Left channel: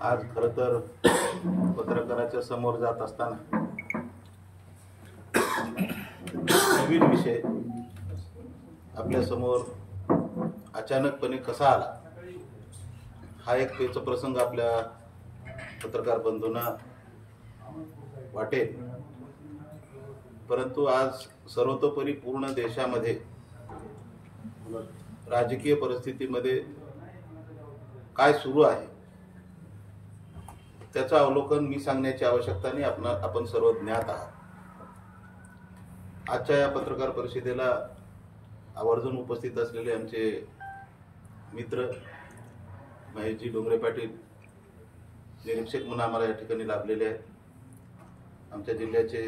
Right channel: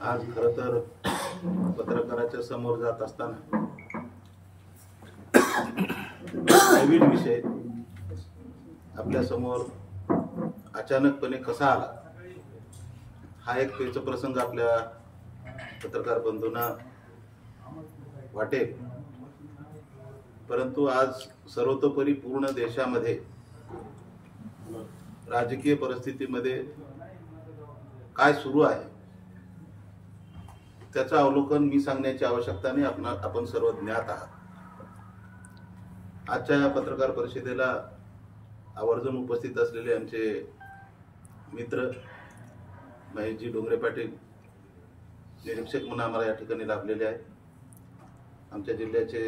आज खरं तर पत्रकाराच्या समोर जात असताना नवीन विषय आपल्या समोर अचानकपणे कसा आला हा एक प्रसंग आपल्या पत्रकार बंधूंना वाटेल, परंतु आज सर्वतोपरी पूर्ण देशामध्ये राजकीय परिस्थितीमध्ये काय सुरू आहे त्याचं अवलोकन मी सांगण्याची आवश्यकता नाही, आपण सर्व ज्ञात आहात. आजच्या या पत्रकार परिषदेला आवर्जून उपस्थित असलेले आमचे मित्र महेशजी डोंगरे पाटील निरीक्षक म्हणून आम्हाला या ठिकाणी लाभलेले आहेत. आमच्या जिल्ह्याचे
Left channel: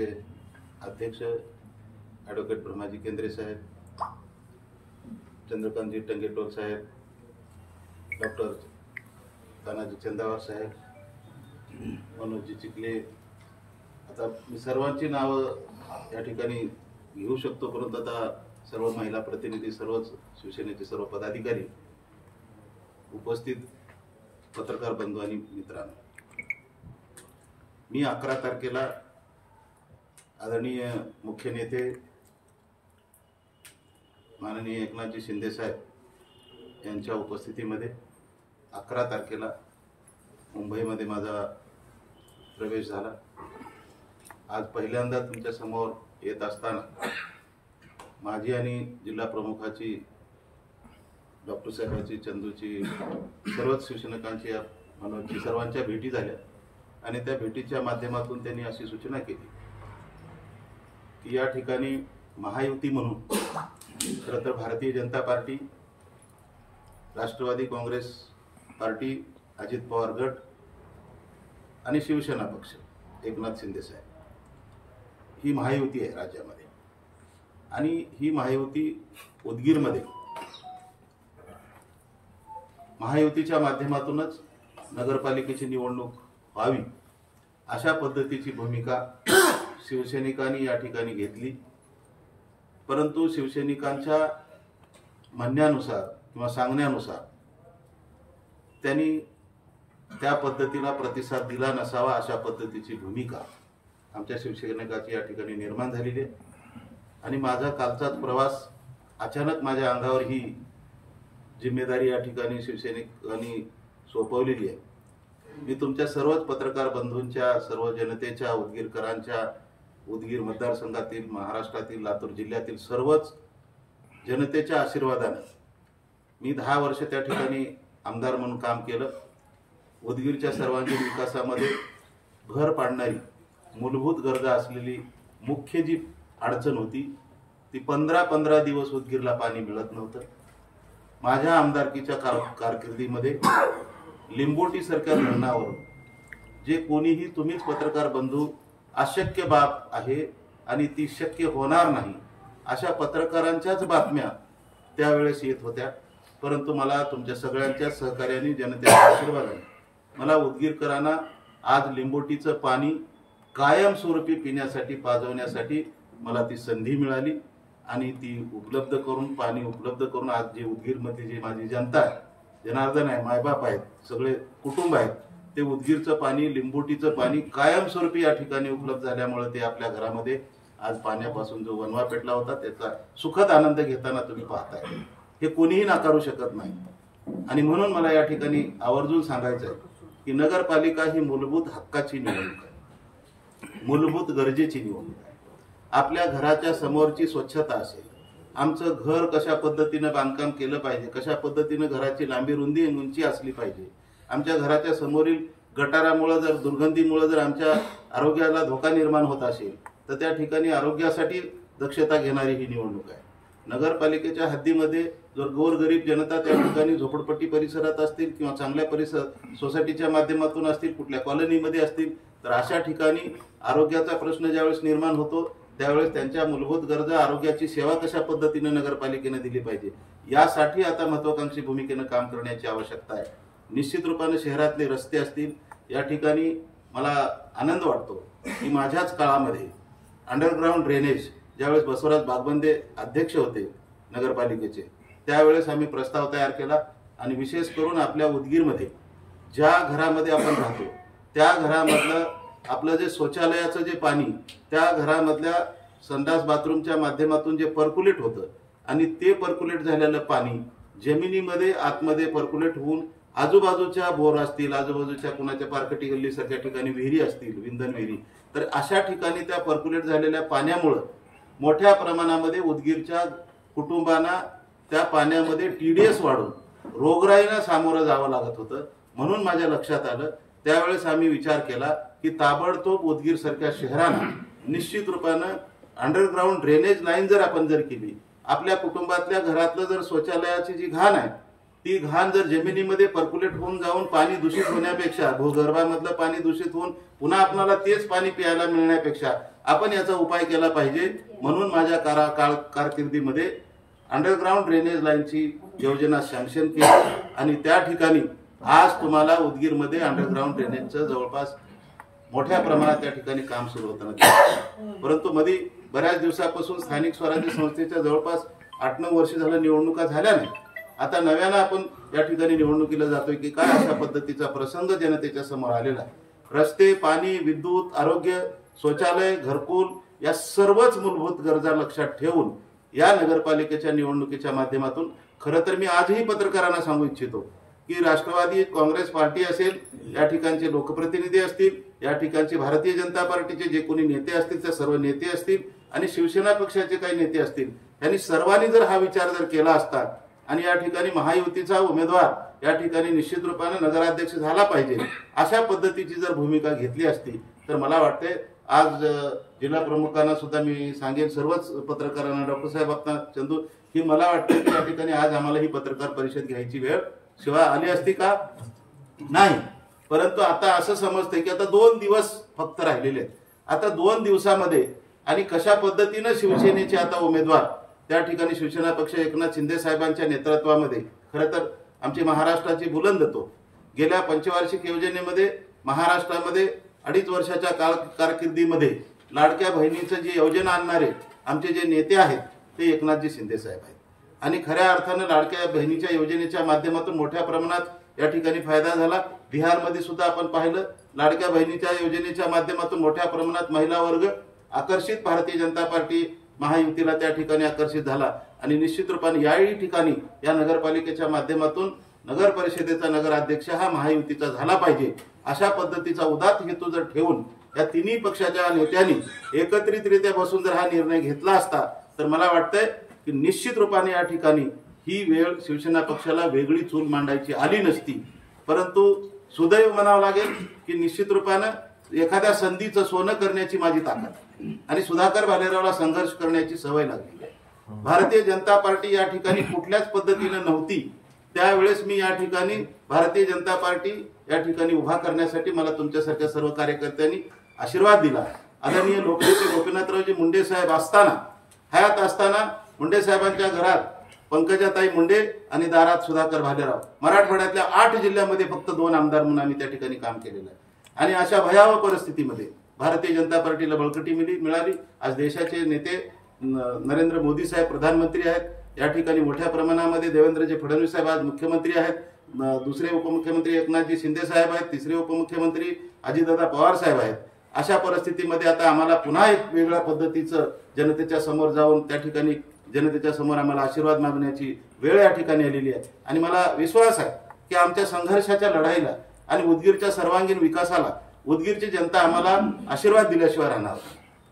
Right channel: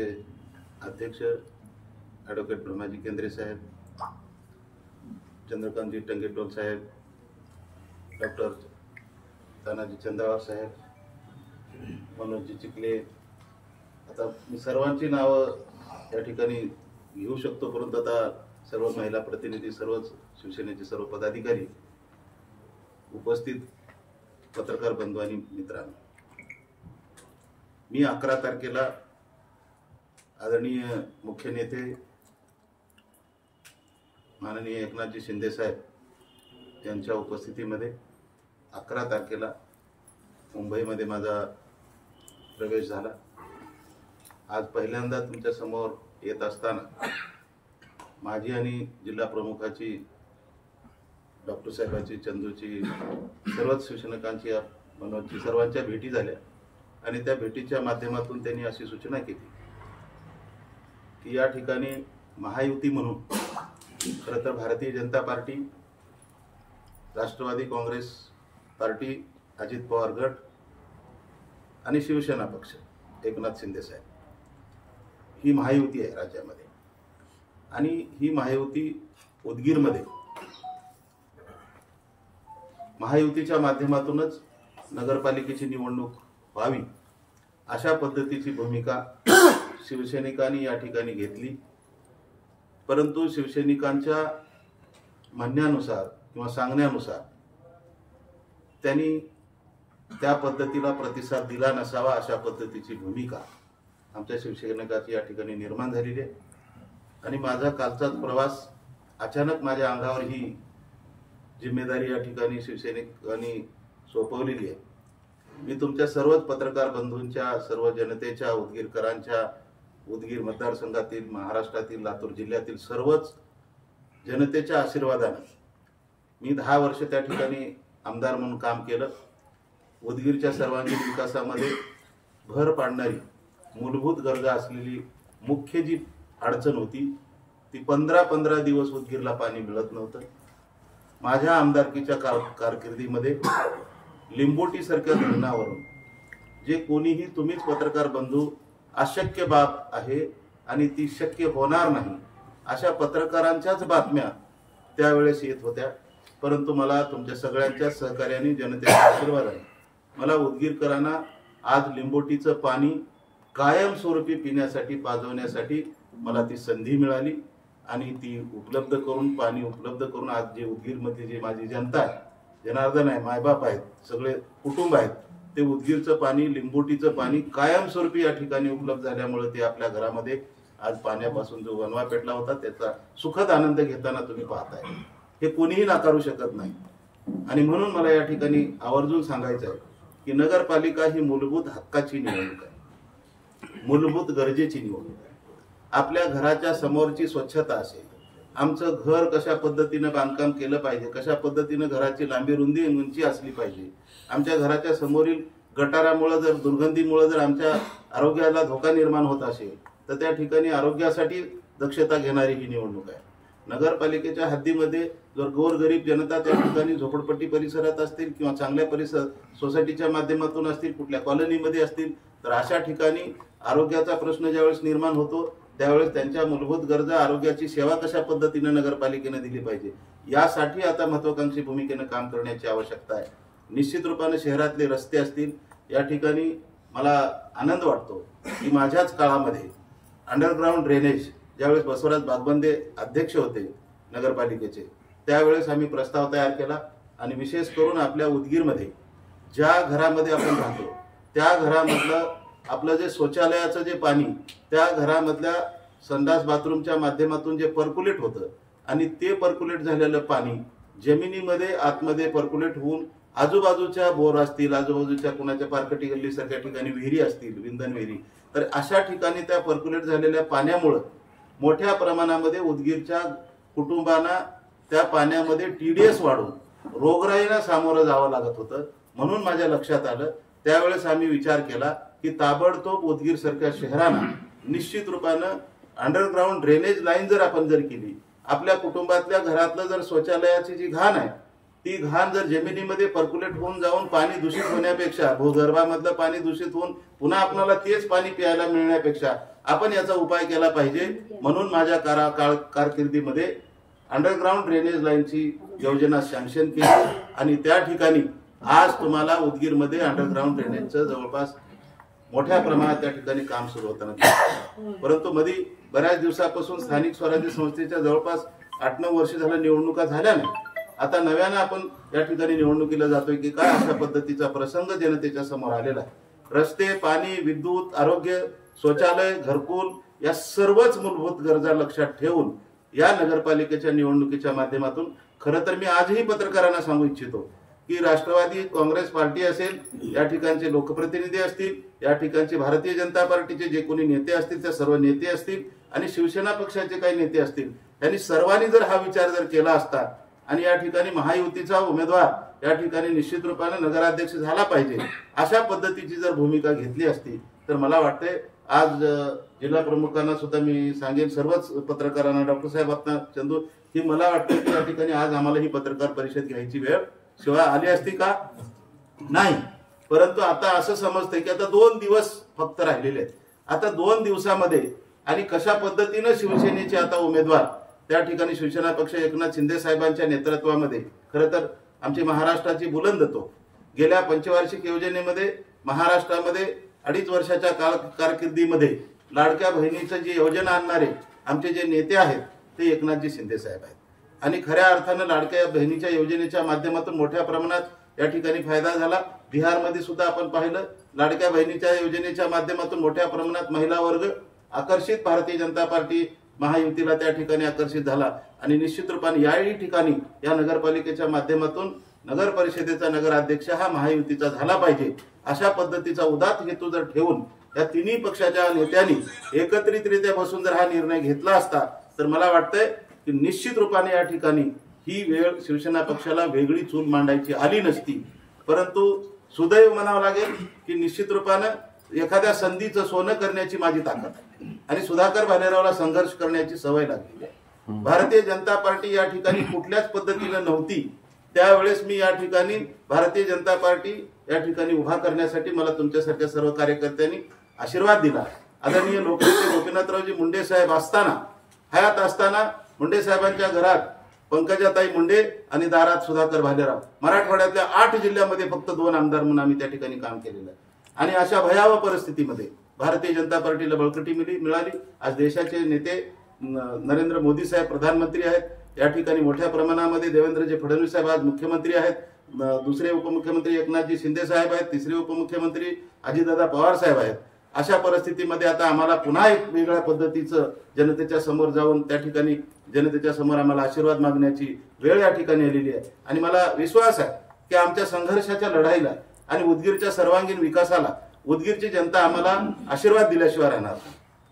अध्यक्ष ॲडव्होकेट ब्रह्माजी केंद्रे साहेब, चंद्रकांतजी टंगेटोल साहेब, डॉक्टर तानाजी चंदावर साहेब, मनोजजी चिखले. आता मी सर्वांची नावं या ठिकाणी घेऊ शकतो, परंतु आता सर्व महिला प्रतिनिधी, सर्वच शिवसेनेचे सर्व पदाधिकारी, उपस्थित पत्रकार बंधू आणि मित्रांनो, मी 11 तारखेला आदरणीय मुख्य नेते माननीय एकनाथजी शिंदे साहेब यांच्या उपस्थितीमध्ये 11 तारखेला मुंबईमध्ये माझा प्रवेश झाला. आज पहिल्यांदा तुमच्या समोर येत असताना माझी आणि जिल्हा प्रमुखाची, डॉक्टर साहेबांची, चंदूची, सर्वच शिवसैनिकांची, मनोजची, सर्वांच्या भेटी झाल्या आणि त्या भेटीच्या माध्यमातून त्यांनी अशी सूचना केली की या ठिकाणी महायुती म्हणून खरं तर भारतीय जनता पार्टी, राष्ट्रवादी काँग्रेस पार्टी, अजित पवार गट आणि शिवसेना पक्ष, एकनाथ शिंदे साहेब, ही महायुती आहे राज्यामध्ये. आणि ही महायुती उदगीरमध्ये महायुतीच्या माध्यमातूनच नगरपालिकेची निवडणूक व्हावी अशा पद्धतीची भूमिका शिवसैनिकांनी या ठिकाणी घेतली. परंतु शिवसैनिकांच्या म्हणण्यानुसार किंवा सांगण्यानुसार त्यांनी त्या पद्धतीला प्रतिसाद दिला नसावा अशा पद्धतीची भूमिका आमच्या शिवसैनिकाची या ठिकाणी निर्माण झालेली आहे. आणि माझा कालचाच प्रवास अचानक माझ्या अंगावर ही जिम्मेदारी या ठिकाणी शिवसैनिकांनी सोपवलेली आहे. मी तुमच्या सर्वच पत्रकार बंधूंच्या, सर्व जनतेच्या, उदगीरकरांच्या, उदगीर मतदारसंघातील, महाराष्ट्रातील, लातूर जिल्ह्यातील सर्वच जनतेच्या आशीर्वादानं मी 10 वर्ष त्या ठिकाणी आमदार म्हणून काम केलं. उदगीरच्या सर्वांगीण विकासामध्ये भर पाडणारी मूलभूत गरजा असलेली मुख्य जी अडचण होती ती 15 दिवस उदगीरला पाणी मिळत नव्हतं. माझ्या आमदारकीच्या कारकिर्दीमध्ये लिंबोटीसारख्या धरणावरून जे कोणीही, तुम्हीच पत्रकार बंधू, अशक्य बाब आहे आणि ती शक्य होणार नाही अशा पत्रकारांच्याच बातम्या त्यावेळेस येत होत्या. परंतु मला तुमच्या सगळ्यांच्या सहकार्याने, जनतेच्या आशीर्वादाने मला उदगीरकरांना आज लिंबोटीचं पाणी कायमस्वरूपी पिण्यासाठी, पाजवण्यासाठी मला ती संधी मिळाली. आणि ती पाणी उपलब्ध करून आज जे उदगीरमधली जी माझी जनता आहे, जनार्दन आहे, मायबाप आहेत, सगळे कुटुंब आहेत, ते उदगीरचं पाणी, लिंबोटीचं पाणी कायमस्वरूपी या ठिकाणी उपलब्ध झाल्यामुळे ते आपल्या घरामध्ये आज पाण्यापासून जो वनवा पेटला होता त्याचा सुखद आनंद घेताना तुम्ही पाहताय. हे कोणीही नाकारू शकत नाही. आणि म्हणून मला या ठिकाणी आवर्जून सांगायचं आहे की नगरपालिका ही मूलभूत हक्काची निवडणूक आहे, मूलभूत गरजेची निवडणूक आहे. आपल्या घराच्या समोरची स्वच्छता असेल, आमचं घर कशा पद्धतीनं बांधकाम केलं पाहिजे, कशा पद्धतीनं घराची लांबी, रुंदी, उंची असली पाहिजे, आमच्या घराच्या समोरील गटारामुळे जर, दुर्गंधीमुळे जर आमच्या आरोग्याला धोका निर्माण होत असेल तर त्या ठिकाणी आरोग्यासाठी दक्षता घेणारी ही निवडणूक आहे. नगरपालिकेच्या हद्दीमध्ये जर गोरगरीब जनता त्या ठिकाणी झोपडपट्टी परिसरात असतील किंवा चांगल्या सोसायटीच्या माध्यमातून असतील, कुठल्या कॉलनीमध्ये असतील, तर अशा ठिकाणी आरोग्याचा प्रश्न ज्यावेळेस निर्माण होतो त्यावेळेस त्यांच्या मूलभूत गरजा, आरोग्याची सेवा कशा पद्धतीनं नगरपालिकेनं दिली पाहिजे यासाठी आता महत्वाकांक्षी भूमिकेनं काम करण्याची आवश्यकता आहे. निश्चित रूपाने शहरातले रस्ते असतील, या ठिकाणी मला आनंद वाटतो की माझ्याच काळामध्ये अंडरग्राऊंड ड्रेनेज, ज्यावेळेस बसवराज बागबंदे अध्यक्ष होते नगरपालिकेचे, त्यावेळेस आम्ही प्रस्ताव तयार केला आणि विशेष करून आपल्या उदगीरमध्ये ज्या घरामध्ये आपण राहतो त्या घरामधलं आपलं जे शौचालयाचं जे पाणी त्या घरामधल्या संडास बाथरूमच्या माध्यमातून जे पर्क्युलेट होतं आणि ते पर्क्युलेट झालेलं पाणी जमिनीमध्ये आतमध्ये पर्क्युलेट होऊन आजूबाजूच्या बोर असतील, आजूबाजूच्या कुणाच्या पारकटी गल्लीसारख्या ठिकाणी विहिरी असतील, विंधन विहिरी, तर अशा ठिकाणी त्या पर्क्युलेट झालेल्या पाण्यामुळं मोठ्या प्रमाणामध्ये उदगीरच्या कुटुंबांना त्या पाण्यामध्ये TDS वाढून रोगराईला सामोरं जावं लागत होतं. म्हणून माझ्या लक्षात आलं, त्यावेळेस आम्ही विचार केला की ताबडतोब उदगीर सारख्या शहरांना निश्चित रूपानं अंडरग्राऊंड ड्रेनेज लाईन जर आपण केली, आपल्या कुटुंबातल्या घरातलं जर शौचालयाची जी घाण आहे ती घाण जर जमिनीमध्ये पर्क्युलेट होऊन जाऊन पाणी दूषित होण्यापेक्षा, भूगर्भामधलं पाणी दूषित होऊन पुन्हा आपल्याला तेच पाणी प्यायला मिळण्यापेक्षा आपण याचा उपाय केला पाहिजे. म्हणून माझ्या कारकिर्दीमध्ये अंडरग्राऊंड ड्रेनेज लाईनची योजना सँक्शन केली आणि त्या ठिकाणी आज तुम्हाला उदगीरमध्ये अंडरग्राऊंड ड्रेनेजचं जवळपास मोठ्या प्रमाणात त्या ठिकाणी काम सुरू होताना दिसतं. परंतु मध्ये बऱ्याच दिवसापासून स्थानिक स्वराज्य संस्थेच्या जवळपास 8-9 वर्ष झालं निवडणुका झाल्या नाही. आता नव्यानं आपण या ठिकाणी निवडणुकीला जातोय की काय अशा पद्धतीचा प्रसंग जनतेच्या समोर आलेला आहे. रस्ते, पाणी, विद्युत, आरोग्य, शौचालय, घरकुल या सर्वच मूलभूत गरजा लक्षात ठेवून या नगरपालिकेच्या निवडणुकीच्या माध्यमातून खरं तर मी आजही पत्रकारांना सांगू इच्छितो की राष्ट्रवादी काँग्रेस पार्टी असेल, या ठिकाणचे लोकप्रतिनिधी असतील, या ठिकाणचे भारतीय जनता पार्टीचे जे कोणी नेते असतील ते सर्व नेते असतील आणि शिवसेना पक्षाचे काही नेते असतील, त्यांनी सर्वांनी जर हा विचार जर केला असता आणि या ठिकाणी महायुतीचा उमेदवार या ठिकाणी निश्चित रूपाने नगराध्यक्ष झाला पाहिजे अशा पद्धतीची जर भूमिका घेतली असती तर मला वाटते आज जिल्हा प्रमुखांना सुद्धा मी सांगेन, सर्वच पत्रकारांना, डॉक्टर साहेब आपणा चंदू, की मला वाटतं की या ठिकाणी आज आम्हाला ही पत्रकार परिषद घ्यायची वेळ शिवाय आली असती का नाही. परंतु आता असं समजतंय की आता 2 दिवस फक्त राहिलेले आहेत. आता 2 दिवसामध्ये आणि कशा पद्धतीनं शिवसेनेचे आता उमेदवार त्या ठिकाणी शिवसेना पक्ष एकनाथ शिंदे साहेबांच्या नेतृत्वामध्ये खरं तर आमची महाराष्ट्राची बुलंदतो गेल्या पंचवार्षिक योजनेमध्ये महाराष्ट्रामध्ये 2.5 वर्षाच्या कारकिर्दीमध्ये लाडक्या बहिणीचं जी योजना आणणारे आमचे जे नेते आहेत ते एकनाथजी शिंदे साहेब आहेत आणि खऱ्या अर्थानं लाडक्या बहिणीच्या योजनेच्या माध्यमातून मोठ्या प्रमाणात या ठिकाणी फायदा झाला. बिहारमध्ये सुद्धा आपण पाहिलं, लाडक्या बहिणीच्या योजनेच्या माध्यमातून मोठ्या प्रमाणात महिला वर्ग आकर्षित, भारतीय जनता पार्टी महायुतीला त्या ठिकाणी आकर्षित झाला आणि निश्चित रूपाने याही ठिकाणी या नगरपालिकेच्या माध्यमातून नगर परिषदेचा नगराध्यक्ष हा महायुतीचा झाला पाहिजे अशा पद्धतीचा उदात्त हेतू जर ठेवून या तिन्ही पक्षाच्या नेत्यांनी एकत्रितरित्या बसून जर हा निर्णय घेतला असता तर मला वाटतंय की निश्चित रूपाने या ठिकाणी ही वेळ शिवसेना पक्षाला वेगळी चूल मांडायची आली नसती. परंतु सुदैव म्हणावं लागेल की निश्चित रूपानं एखाद्या संधीचं सोनं करण्याची माझी ताकद आहे आणि सुधाकर भालेरावला संघर्ष करण्याची सवय लागलेली आहे. भारतीय जनता पार्टी या ठिकाणी कुठल्याच पद्धतीनं नव्हती, त्यावेळेस मी या ठिकाणी भारतीय जनता पार्टी या ठिकाणी उभा करण्यासाठी मला तुमच्यासारख्या सर्व कार्यकर्त्यांनी आशीर्वाद दिला. आदरणीय लोकनेते गोपीनाथरावजी मुंडे साहेब असताना, हयात असताना मुंडे साहेबांच्या घरात पंकजाताई मुंडे आणि दारात सुधाकर भालेराव, मराठवाड्यातल्या 8 जिल्ह्यामध्ये फक्त 2 आमदार म्हणून आम्ही त्या ठिकाणी काम केलेलं आहे आणि अशा भयावह परिस्थितीमध्ये भारतीय जनता पार्टीला बळकटी मिळाली. आज देशाचे नेते नरेंद्र मोदी साहेब प्रधानमंत्री आहेत, या ठिकाणी मोठ्या प्रमाणामध्ये देवेंद्रजी फडणवीस साहेब आज मुख्यमंत्री आहेत, दुसरे उपमुख्यमंत्री एकनाथजी शिंदे साहेब आहेत, तिसरे उपमुख्यमंत्री अजितदादा पवार साहेब आहेत. अशा परिस्थितीमध्ये आता आम्हाला पुन्हा एक वेगळ्या पद्धतीचं जनतेच्या समोर जाऊन त्या ठिकाणी जनतेच्या समोर आम्हाला आशीर्वाद मागण्याची वेळ या ठिकाणी आलेली आहे आणि मला विश्वास आहे की आमच्या संघर्षाच्या लढाईला आणि उदगीरच्या सर्वांगीण विकासाला उदगीरची जनता आम्हाला आशीर्वाद दिल्याशिवाय राहणार.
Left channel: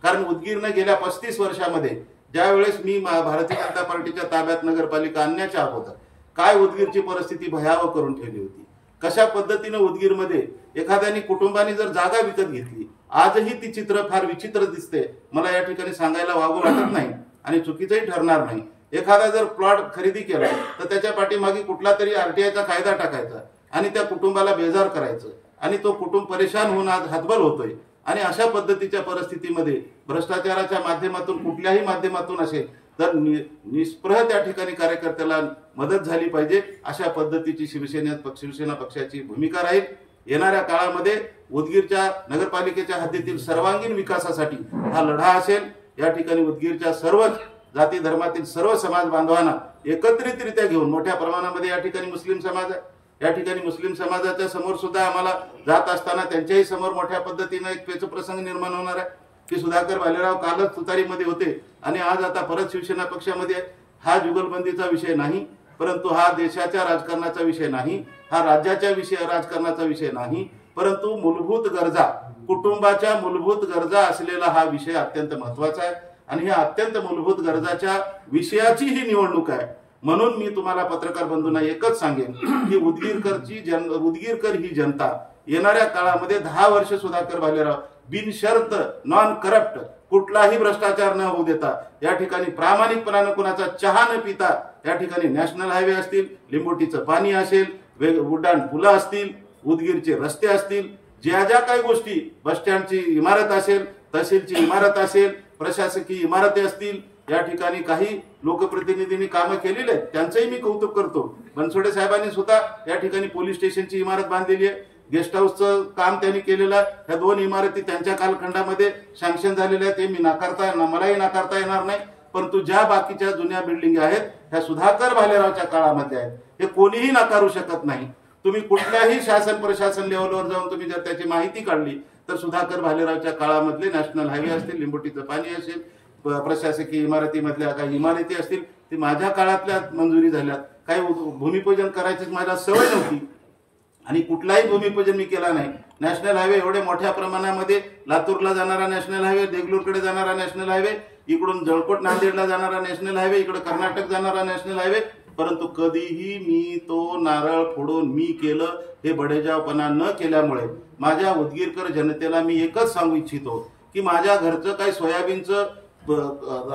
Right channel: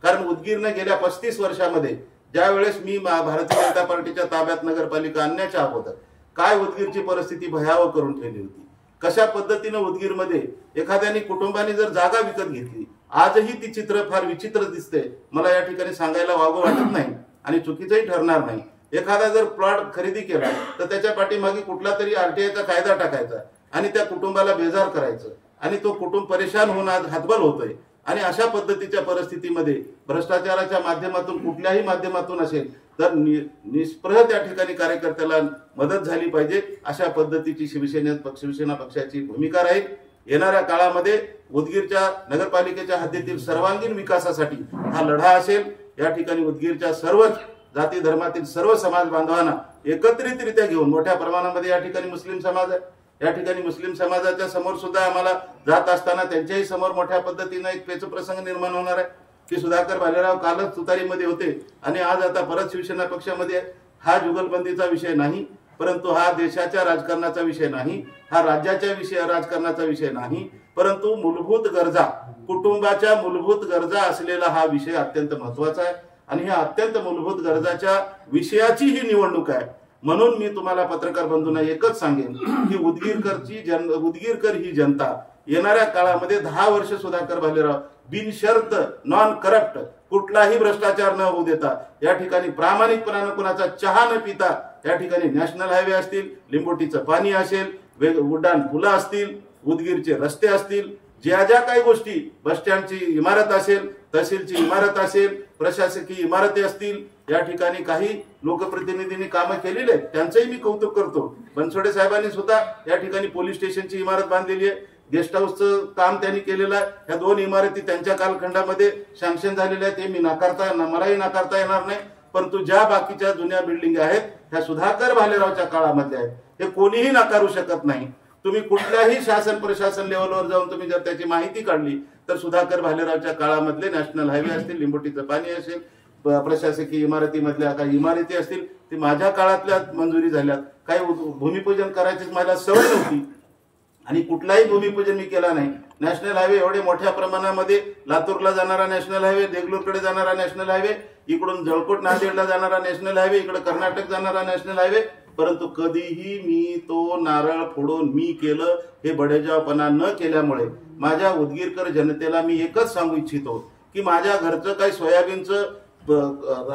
कारण उदगीरनं गेल्या 35 वर्षामध्ये ज्या वेळेस मी भारतीय जनता पार्टीच्या ताब्यात नगरपालिका आणण्याच्या अगोदर काय उदगीरची परिस्थिती भयावह करून ठेवली होती, कशा पद्धतीनं उदगीरमध्ये एखाद्याने कुटुंबाने जर जागा विकत घेतली, आजही ती चित्र फार विचित्र दिसते. मला या ठिकाणी सांगायला वागू वाटत नाही आणि चुकीचंही ठरणार नाही. एखादा जर प्लॉट खरेदी केला तर त्याच्या पाठीमागे कुठला तरी RTIचा कायदा टाकायचा आणि त्या कुटुंबाला बेजार करायचं आणि तो कुटुंब परेशान होऊन आज हातबल होतोय आणि अशा पद्धतीच्या परिस्थितीमध्ये भ्रष्टाचाराच्या माध्यमातून कुठल्याही माध्यमातून असेल तर निष्प्रह त्या ठिकाणी कार्यकर्त्याला मदत झाली पाहिजे अशा पद्धतीची शिवसेना पक्षाची भूमिका राहील. येणाऱ्या काळामध्ये उदगीरच्या नगरपालिकेच्या हद्दीतील सर्वांगीण विकासासाठी हा लढा असेल. या ठिकाणी उदगीरच्या सर्वच जाती धर्मातील सर्व समाज बांधवांना एकत्रितरित्या घेऊन मोठ्या प्रमाणामध्ये या ठिकाणी मुस्लिम समाज आहे, या ठिकाणी मुस्लिम समाजाच्या समोर सुद्धा आम्हाला जात असताना त्यांच्याही समोर मोठ्या पद्धतीनं एक पेचप्रसंग निर्माण होणार आहे की सुधाकर भालेराव कालच तुतारीमध्ये होते आणि आज आता परत शिवसेना पक्षामध्ये आहे. हा जुगलबंदीचा विषय नाही, परंतु हा देशाच्या राजकारणाचा विषय नाही, हा राज्याच्या राजकारणाचा विषय नाही, परंतु मूलभूत गरजा, कुटुंबाच्या मूलभूत गरजा असलेला हा विषय अत्यंत महत्वाचा आहे आणि ह्या अत्यंत मूलभूत गरजाच्या विषयाची ही निवडणूक आहे. म्हणून मी तुम्हाला पत्रकार बंधूंना एकच सांगेन की उदगीरकर ही जनता येणाऱ्या काळामध्ये 10 वर्ष सुधाकर भालेराव बिनशर्त नॉन करप्ट कुठलाही भ्रष्टाचार न होऊ देता या ठिकाणी प्रामाणिकपणाने कुणाचा चहा न पिता या ठिकाणी नॅशनल हायवे असतील, लिंबोटीचं पाणी असेल, उड्डाण पुलं असतील, उदगीरचे रस्ते असतील, ज्या ज्या काही गोष्टी, बस स्टँडची इमारत असेल, तहसीलची इमारत असेल, प्रशासकीय इमारती असतील, या ठिकाणी काही लोकप्रतिनिधींनी कामं केलेली आहेत, त्यांचंही मी कौतुक करतो. बनसोडे साहेबांनी सुद्धा या ठिकाणी पोलीस स्टेशनची इमारत बांधलेली आहे, गेस्ट हाऊसचं काम त्यांनी केलेलं आहे. ह्या 2 इमारती त्यांच्या कालखंडामध्ये सँक्शन झालेल्या आहेत, हे मी मलाही नाकारता येणार नाही. परंतु ज्या बाकीच्या जुन्या बिल्डिंग आहेत ह्या सुधाकर भालेरावच्या काळामध्ये आहेत, हे कोणीही नाकारू शकत नाही. तुम्ही कुठल्याही शासन प्रशासन लेवलवर जाऊन तुम्ही जर त्याची माहिती काढली तर सुधाकर भालेरावच्या काळामधले नॅशनल हायवे असतील, लिंबोटीचं पाणी असेल, प्रशासकीय इमारतीमधल्या काही इमारती असतील, ती माझ्या काळातल्या मंजुरी झाल्यात. काही भूमिपूजन करायची मला सवय नव्हती आणि कुठलाही भूमिपूजन मी केला नाही. नॅशनल हायवे एवढे मोठ्या प्रमाणामध्ये, लातूरला जाणारा नॅशनल हायवे, देगलूरकडे जाणारा नॅशनल हायवे, इकडून जळकोट नांदेडला जाणारा नॅशनल हायवे, इकडे कर्नाटक जाणारा नॅशनल हायवे, परंतु कधीही मी तो नारळ फोडून मी केलं हे बडेजावपणा न केल्यामुळे माझ्या उदगीरकर जनतेला मी एकच सांगू इच्छितो की माझ्या घरचं काही सोयाबीनचं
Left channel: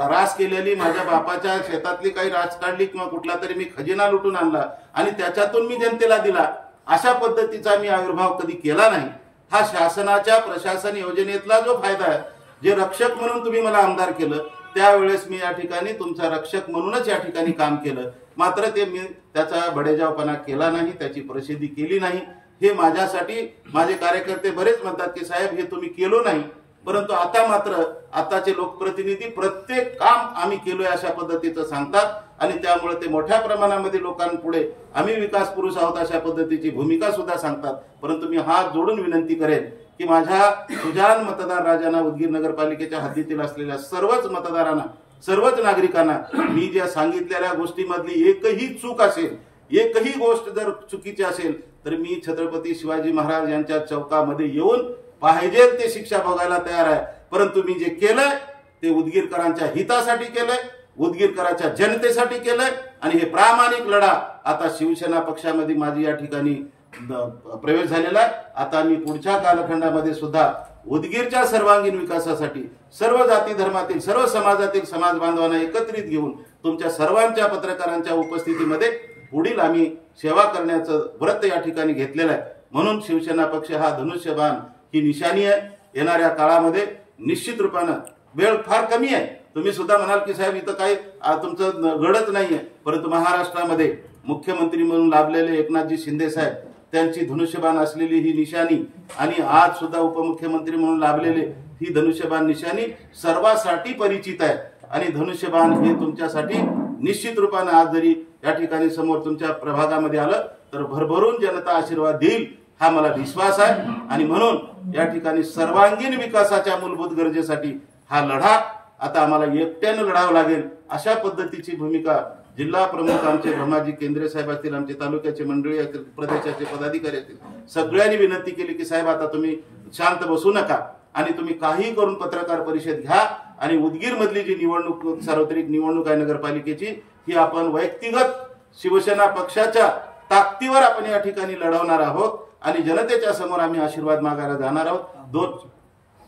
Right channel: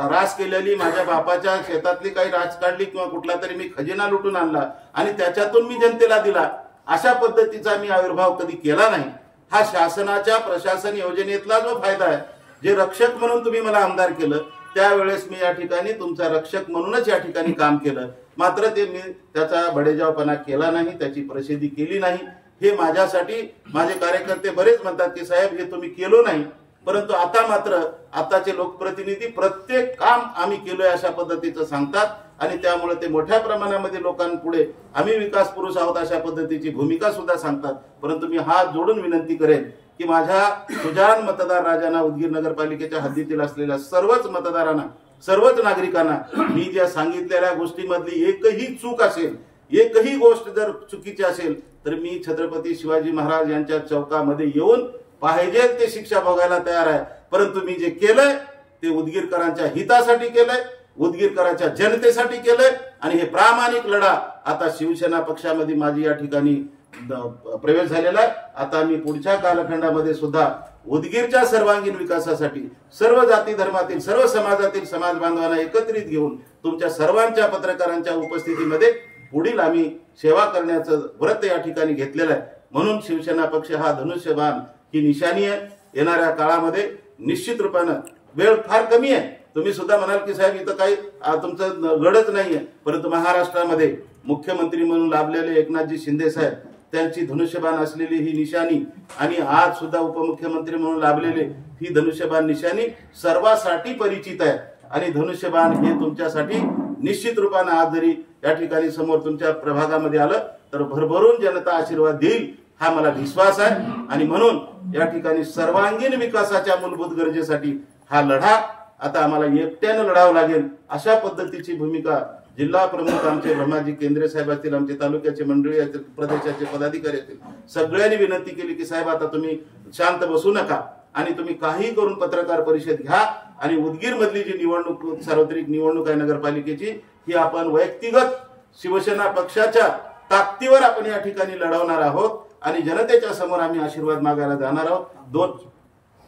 रास केलेली, माझ्या बापाच्या शेतातली काही रास काढली किंवा कुठला तरी मी खजिना लुटून आणला आणि त्याच्यातून मी जनतेला दिला, अशा पद्धतीचा मी आविर्भाव कधी केला नाही. हा शासनाच्या प्रशासन योजनेतला जो फायदा आहे, जे रक्षक म्हणून तुम्ही मला आमदार केलं त्यावेळेस मी या ठिकाणी तुमचा रक्षक म्हणूनच या ठिकाणी काम केलं. मात्र ते मी त्याचा बडेजावपणा केला नाही, त्याची प्रसिद्धी केली नाही. हे माझ्यासाठी माझे कार्यकर्ते बरेच म्हणतात की साहेब हे तुम्ही केलो नाही, परंतु आता मात्र आताचे लोकप्रतिनिधी प्रत्येक काम आम्ही केलोय अशा पद्धतीचं सांगतात आणि त्यामुळे ते मोठ्या प्रमाणामध्ये लोकांपुढे आम्ही विकास पुरुष आहोत अशा पद्धतीची भूमिका सुद्धा सांगतात. परंतु मी हात जोडून विनंती करेन की माझ्या सुजाण मतदार राजांना, उदगीर नगरपालिकेच्या हद्दीतील असलेल्या सर्वच मतदारांना, सर्वच नागरिकांना मी ज्या सांगितलेल्या गोष्टीमधली एकही चूक असेल, एकही गोष्ट जर चुकीची असेल तर मी छत्रपती शिवाजी महाराज यांच्या चौकामध्ये येऊन पाहिजे ते शिक्षा भोगायला तयार आहे. परंतु मी जे केलंय ते उदगीरकरांच्या हितासाठी केलंय, उदगीरकरांच्या जनतेसाठी केलंय आणि हे प्रामाणिक लढा आता शिवसेना पक्षामध्ये माझी या ठिकाणी प्रवेश झालेला आहे. आता मी पुढच्या कालखंडामध्ये सुद्धा उदगीरच्या सर्वांगीण विकासासाठी सर्व जाती धर्मातील, सर्व समाजातील समाज बांधवांना एकत्रित घेऊन तुमच्या सर्वांच्या पत्रकारांच्या उपस्थितीमध्ये पुढील आम्ही सेवा करण्याचं व्रत या ठिकाणी घेतलेलं आहे. म्हणून शिवसेना पक्ष हा धनुष्यबाण ही निशाणी आहे. येणाऱ्या काळामध्ये निश्चित रूपानं वेळ फार कमी आहे. तुम्ही सुद्धा म्हणाल की साहेब इथं काही तुमचं गडच नाहीये, परंतु महाराष्ट्रामध्ये मुख्यमंत्री म्हणून लाभलेले एकनाथजी शिंदे साहेब त्यांची धनुष्यबाण असलेली ही निशाणी आणि आज सुद्धा उपमुख्यमंत्री म्हणून लाभलेले ही धनुष्यबाण निशाणी सर्वांसाठी परिचित आहे आणि धनुष्यबाण हे तुमच्यासाठी निश्चित रूपाने आज जरी या ठिकाणी समोर तुमच्या प्रभागामध्ये आलं तर भरभरून जनता आशीर्वाद देईल हा मला विश्वास आहे. आणि म्हणून या ठिकाणी सर्वांगीण विकासाच्या मूलभूत गरजेसाठी हा लढा आता आम्हाला एकट्यानं लढावं लागेल अशा पद्धतीची भूमिका जिल्हा प्रमुख आमचे ब्रह्माजी केंद्रे साहेब असतील, आमचे तालुक्याचे मंडळी असतील, प्रदेशाचे पदाधिकारी असतील, सगळ्यांनी विनंती केली की साहेब आता तुम्ही शांत बसू नका आणि तुम्ही काही करून पत्रकार परिषद घ्या आणि उदगीर मधली जी निवडणूक, सार्वत्रिक निवडणूक आहे नगरपालिकेची, ही आपण वैयक्तिगत शिवसेना पक्षाच्या ताकदीवर आपण या ठिकाणी लढवणार आहोत आणि जनतेच्या समोर आम्ही आशीर्वाद मागायला जाणार आहोत.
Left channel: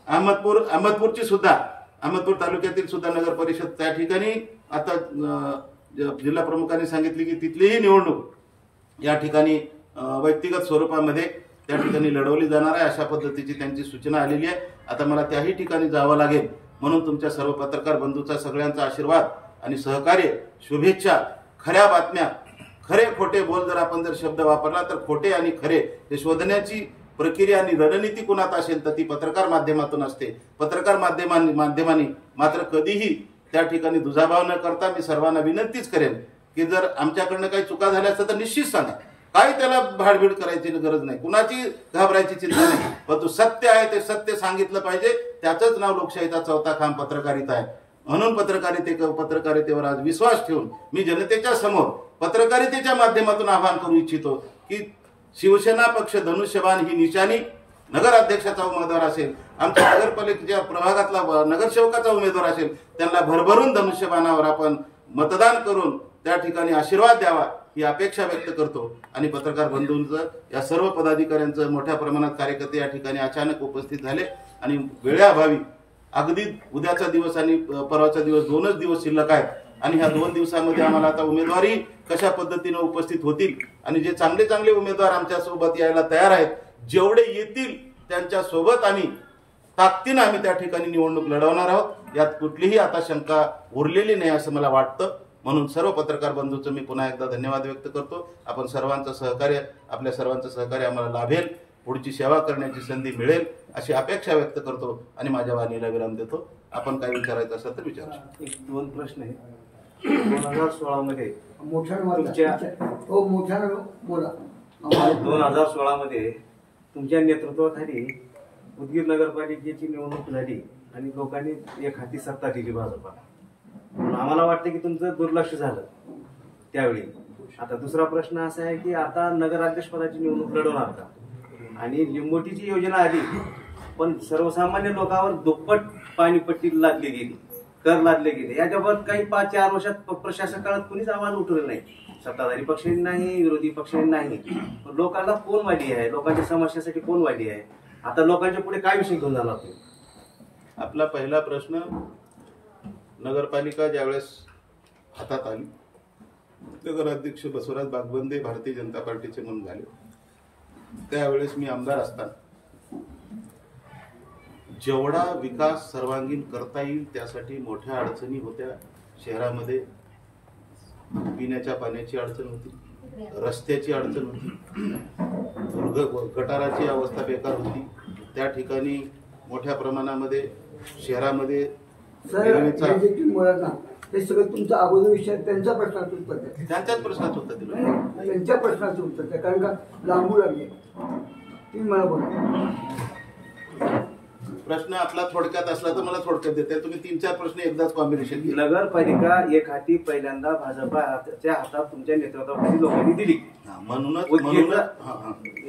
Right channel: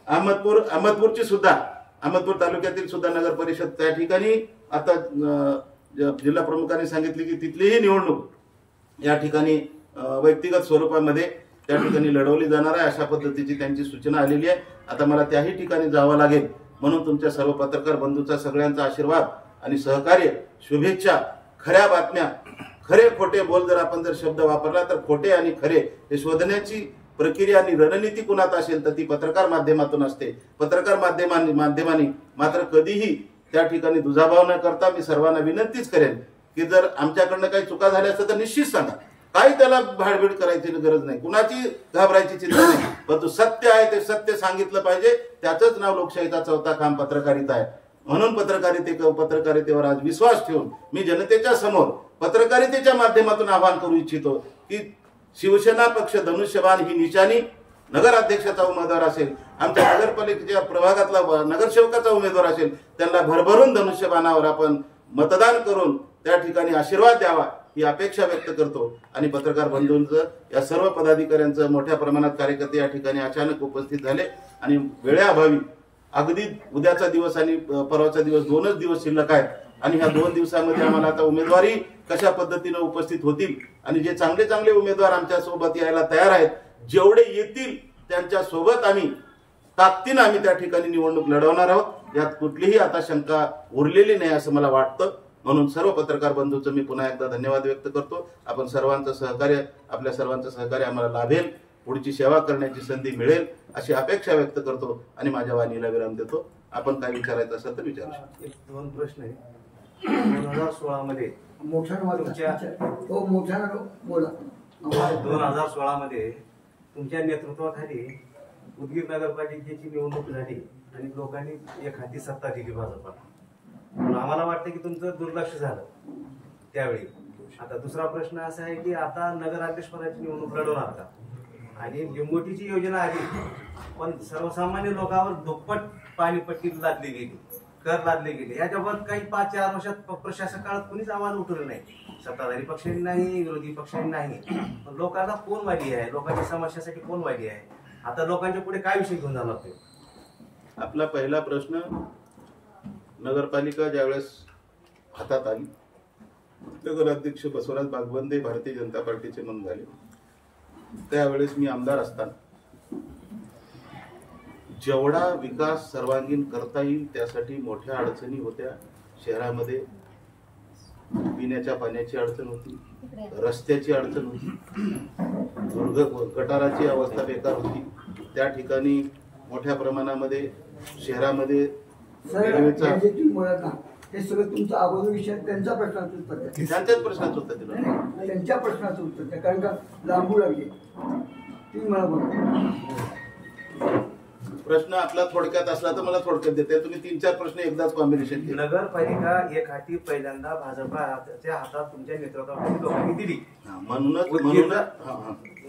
अहमदपूरची सुद्धा, अहमदपूर तालुक्यातील सुद्धा नगर परिषद त्या ठिकाणी आता जिल्हा प्रमुखांनी सांगितले की तिथलीही निवडणूक या ठिकाणी व्यक्तिगत स्वरूपामध्ये त्या ठिकाणी लढवली जाणार आहे अशा पद्धतीची त्यांची सूचना आलेली आहे. आता मला त्याही ठिकाणी जावं लागेल. म्हणून तुमच्या सर्व पत्रकार बंधूंचा सगळ्यांचा आशीर्वाद आणि सहकार्य, शुभेच्छा, खऱ्या बातम्या, खरे खोटे बोल जर आपण शब्द वापरला तर खोटे आणि खरे हे शोधण्याची प्रक्रिया आणि रणनीती कुणात असेल तर ती पत्रकार माध्यमातून असते. पत्रकार माध्यमांनी मात्र कधीही त्या ठिकाणी दुजाभाव न करता मी सर्वांना विनंतीच करेन की जर आमच्याकडनं काही चुका झाल्या असतात तर निश्चित सांगा. काही त्याला भाडभीड करायची गरज नाही, कुणाची घाबरायची चिंता नाही. पण तू सत्य आहे ते सत्य सांगितलं पाहिजे. त्याचंच नाव लोकशाहीचा चौथा खांब पत्रकारिता आहे. म्हणून पत्रकारितेवर आज विश्वास ठेवून मी जनतेच्या समोर पत्रकारितेच्या माध्यमातून आवाहन करू इच्छितो की शिवसेना पक्ष धनुष्यबाण ही निशाणी नगराध्यक्षाचा उमेदवार असेल, आमच्या नगरपालिकेच्या प्रभागातला नगरसेवकाचा उमेदवार असेल, त्यांना भरभरून धनुष्यबाणावर आपण मतदान करून त्या ठिकाणी आशीर्वाद द्यावा ही अपेक्षा व्यक्त करतो. आणि पत्रकार बंधूंचं या सर्व पदाधिकाऱ्यांचं मोठ्या प्रमाणात कार्यकर्ते या ठिकाणी अचानक उपस्थित झाले आणि वेळेअभावी अगदी उद्याचा दिवस आणि परवाचा दिवस 2च दिवस शिल्लक आहेत आणि ह्या 2 दिवसामध्ये आम्हाला आता उमेदवारी कशा पद्धतीने उपस्थित होतील आणि जे चांगले चांगले उमेदवार आमच्या सोबत यायला तयार आहेत, जेवढे येतील त्यांच्या सोबत आम्ही ताकदीने आम्ही त्या ठिकाणी निवडणूक लढवणार आहोत. यात कुठलीही आता शंका उरलेली नाही असं मला वाटतं. म्हणून सर्व पत्रकार बंधूंचं मी पुन्हा एकदा धन्यवाद व्यक्त करतो. आपण सर्वांचं सहकार्य, आपल्या सर्वांचं सहकार्य आम्हाला लाभेल, पुढची सेवा करण्याची संधी मिळेल अशी अपेक्षा व्यक्त करतो आणि माझ्या वाणीला विराम देतो. आपण काय विचारायचं असेल तर विचारू शकतो. 2 प्रश्न आहे. 2016 मध्ये 2016 मध्ये तुमच्या नेतृत्वाखाली उदगीर नगरपालिकेची निवडणूक झाली आणि लोकांनी एक हाती सत्ता दिली भाजपला. आम्हाला वाटतं की तुमचं दुर्लक्ष झालं त्यावेळी. आता दुसरा प्रश्न असा आहे की आता नगराध्यक्षपदाची निवडणूक लढवणार का? आणि लिंबोटीची योजना आली पण सर्वसामान्य लोकांवर दुप्पट पाणीपट्टी लादली गेली, कर लादले गेले. याच्याबाबत काही 5-4 वर्षात प्रशासक काळात कुणीच आवाज उठवले नाही. सत्ताधारी पक्षांनी नाही, विरोधी पक्षांनी नाही. लोकांना कोण वाली आहे, लोकांच्या समस्यासाठी कोण वाली आहे? आता लोकांच्या पुढे काय विषय घेऊन जाणार ते? आपला पहिला प्रश्न, नगरपालिका ज्यावेळेस हातात आली, नगराध्यक्ष बसवराज बागवंदे भारतीय जनता पार्टीचे म्हणून झाले. त्यावेळेस मी आमदार असताना जेवढा विकास सर्वांगीण करता येईल त्यासाठी मोठ्या अडचणी होत्या. शहरामध्ये पिण्याच्या पाण्याची अडचण होती, रस्त्याची अडचण होती, गटाराची अवस्था बेकार होती. त्या ठिकाणी मोठ्या प्रमाणामध्ये शहरामध्ये रेल्वेचा हे सगळं तुमचा अगोदर विषय त्यांच्या प्रश्नाचं उत्तर द्या. त्यांच्याच प्रश्नाचं उत्तर दिलं. त्यांच्या प्रश्नाचं उत्तर द्या, कारण का लांबू लागले. तुम्ही मला बघा, प्रश्न आपला थोडक्यात असला तर मला थोडक्यात देते. तुम्ही 3-4 प्रश्न एकदाच कॉम्बिनेशन केले. नगरपालिका एक हाती पहिल्यांदा भाजपाच्या हातात तुमच्या नेतृत्वाखाली लोकांनी दिली. म्हणूनच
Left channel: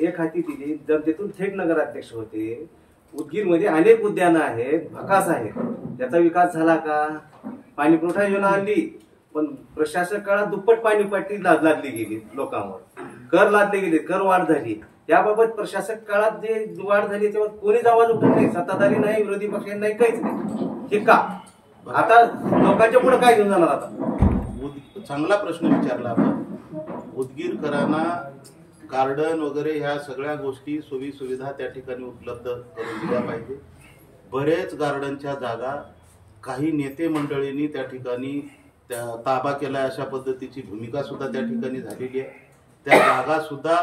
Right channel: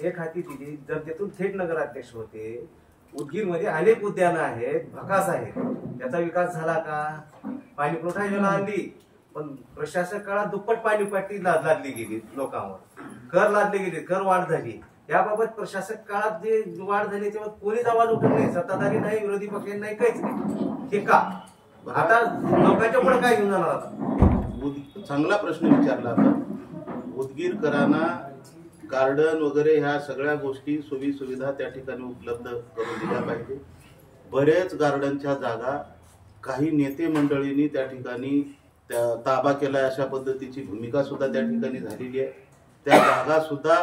एक हाती दिली. जर तेथून थेट नगराध्यक्ष होते. उदगीरमध्ये अनेक उद्यानं आहेत, भकास आहेत, त्याचा विकास झाला का? पाणी पुरवठा योजना आणली पण प्रशासक काळात दुप्पट पाणीपट्टी लादली गेली लोकांवर, कर लादले गेले, कर वाढ झाली. त्याबाबत प्रशासक काळात जे वाढ झाली तेव्हा कोणीच आवाज उठवला नाही. सत्ताधारी नाही, विरोधी पक्ष नाही, काहीच नाही. हे का? आता लोकांच्या पुढे काय घेऊन जाणार? आता चांगला प्रश्न विचारला आपण. उदगीरकरांना गार्डन वगैरे ह्या सगळ्या गोष्टी सोयी सुविधा त्या ठिकाणी उपलब्ध करून दिल्या पाहिजे. बरेच गार्डनच्या जागा काही नेते मंडळींनी त्या ठिकाणी ताबा केला अशा पद्धतीची भूमिका सुद्धा त्या ठिकाणी झालेली आहे. त्या जागा सुद्धा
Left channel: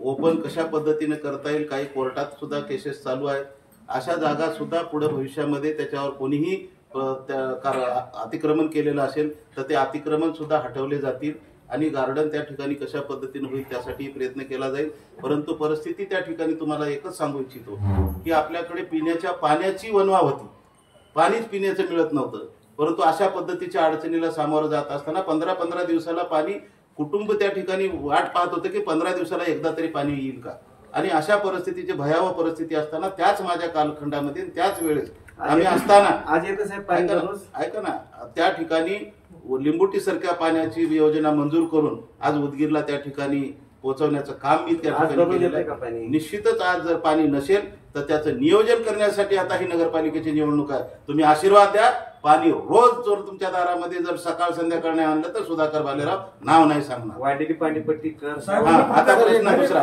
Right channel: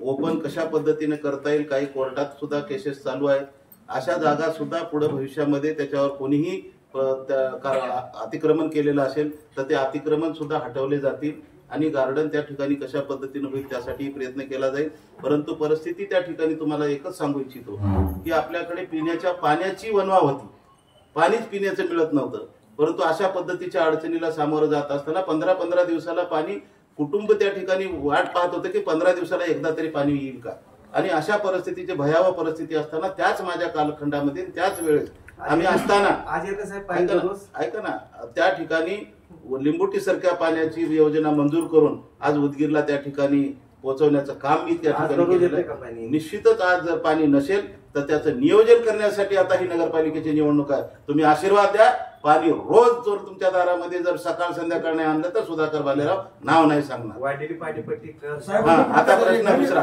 ओपन कशा पद्धतीने करता येईल, काही कोर्टात सुद्धा केसेस चालू आहेत. अशा जागा सुद्धा पुढे भविष्यामध्ये त्याच्यावर कोणीही अतिक्रमण केलेलं असेल तर ते अतिक्रमण सुद्धा हटवले जातील आणि गार्डन त्या ठिकाणी कशा पद्धतीने होईल त्यासाठी प्रयत्न केला जाईल. परंतु परिस्थिती त्या ठिकाणी तुम्हाला एकच सांगू इच्छितो की आपल्याकडे पिण्याच्या पाण्याची वणवा होती, पाणीच पिण्याचं मिळत नव्हतं. परंतु अशा पद्धतीच्या अडचणीला सामोरं जात असताना 15-15 दिवसाला पाणी कुटुंब त्या ठिकाणी वाट पाहत होतं की 15 दिवसाला एकदा तरी पाणी येईल का. आणि अशा परिस्थितीची भयावह परिस्थिती असताना त्याच माझ्या कालखंडामध्ये त्याच वेळेस आम्ही असताना आज येत साहेब ऐका ना त्या ठिकाणी लिंबोटी सारख्या पाण्याची योजना मंजूर करून आज उदगीरला त्या ठिकाणी पोहोचवण्याचं काम मी त्या ठिकाणी केलेलं आहे. निश्चितच आज जर पाणी नसेल तर त्याचं नियोजन करण्यासाठी आता ही नगरपालिकेची निवडणूक आहे. तुम्ही आशीर्वाद द्या. पाणी रोज जर तुमच्या दारामध्ये जर सकाळ संध्याकाळ नाही आणलं तर सुधाकर भालेराव नाव नाही सांगणार. वाढलेली पाणीपट्टी आता प्रश्न दुसरा.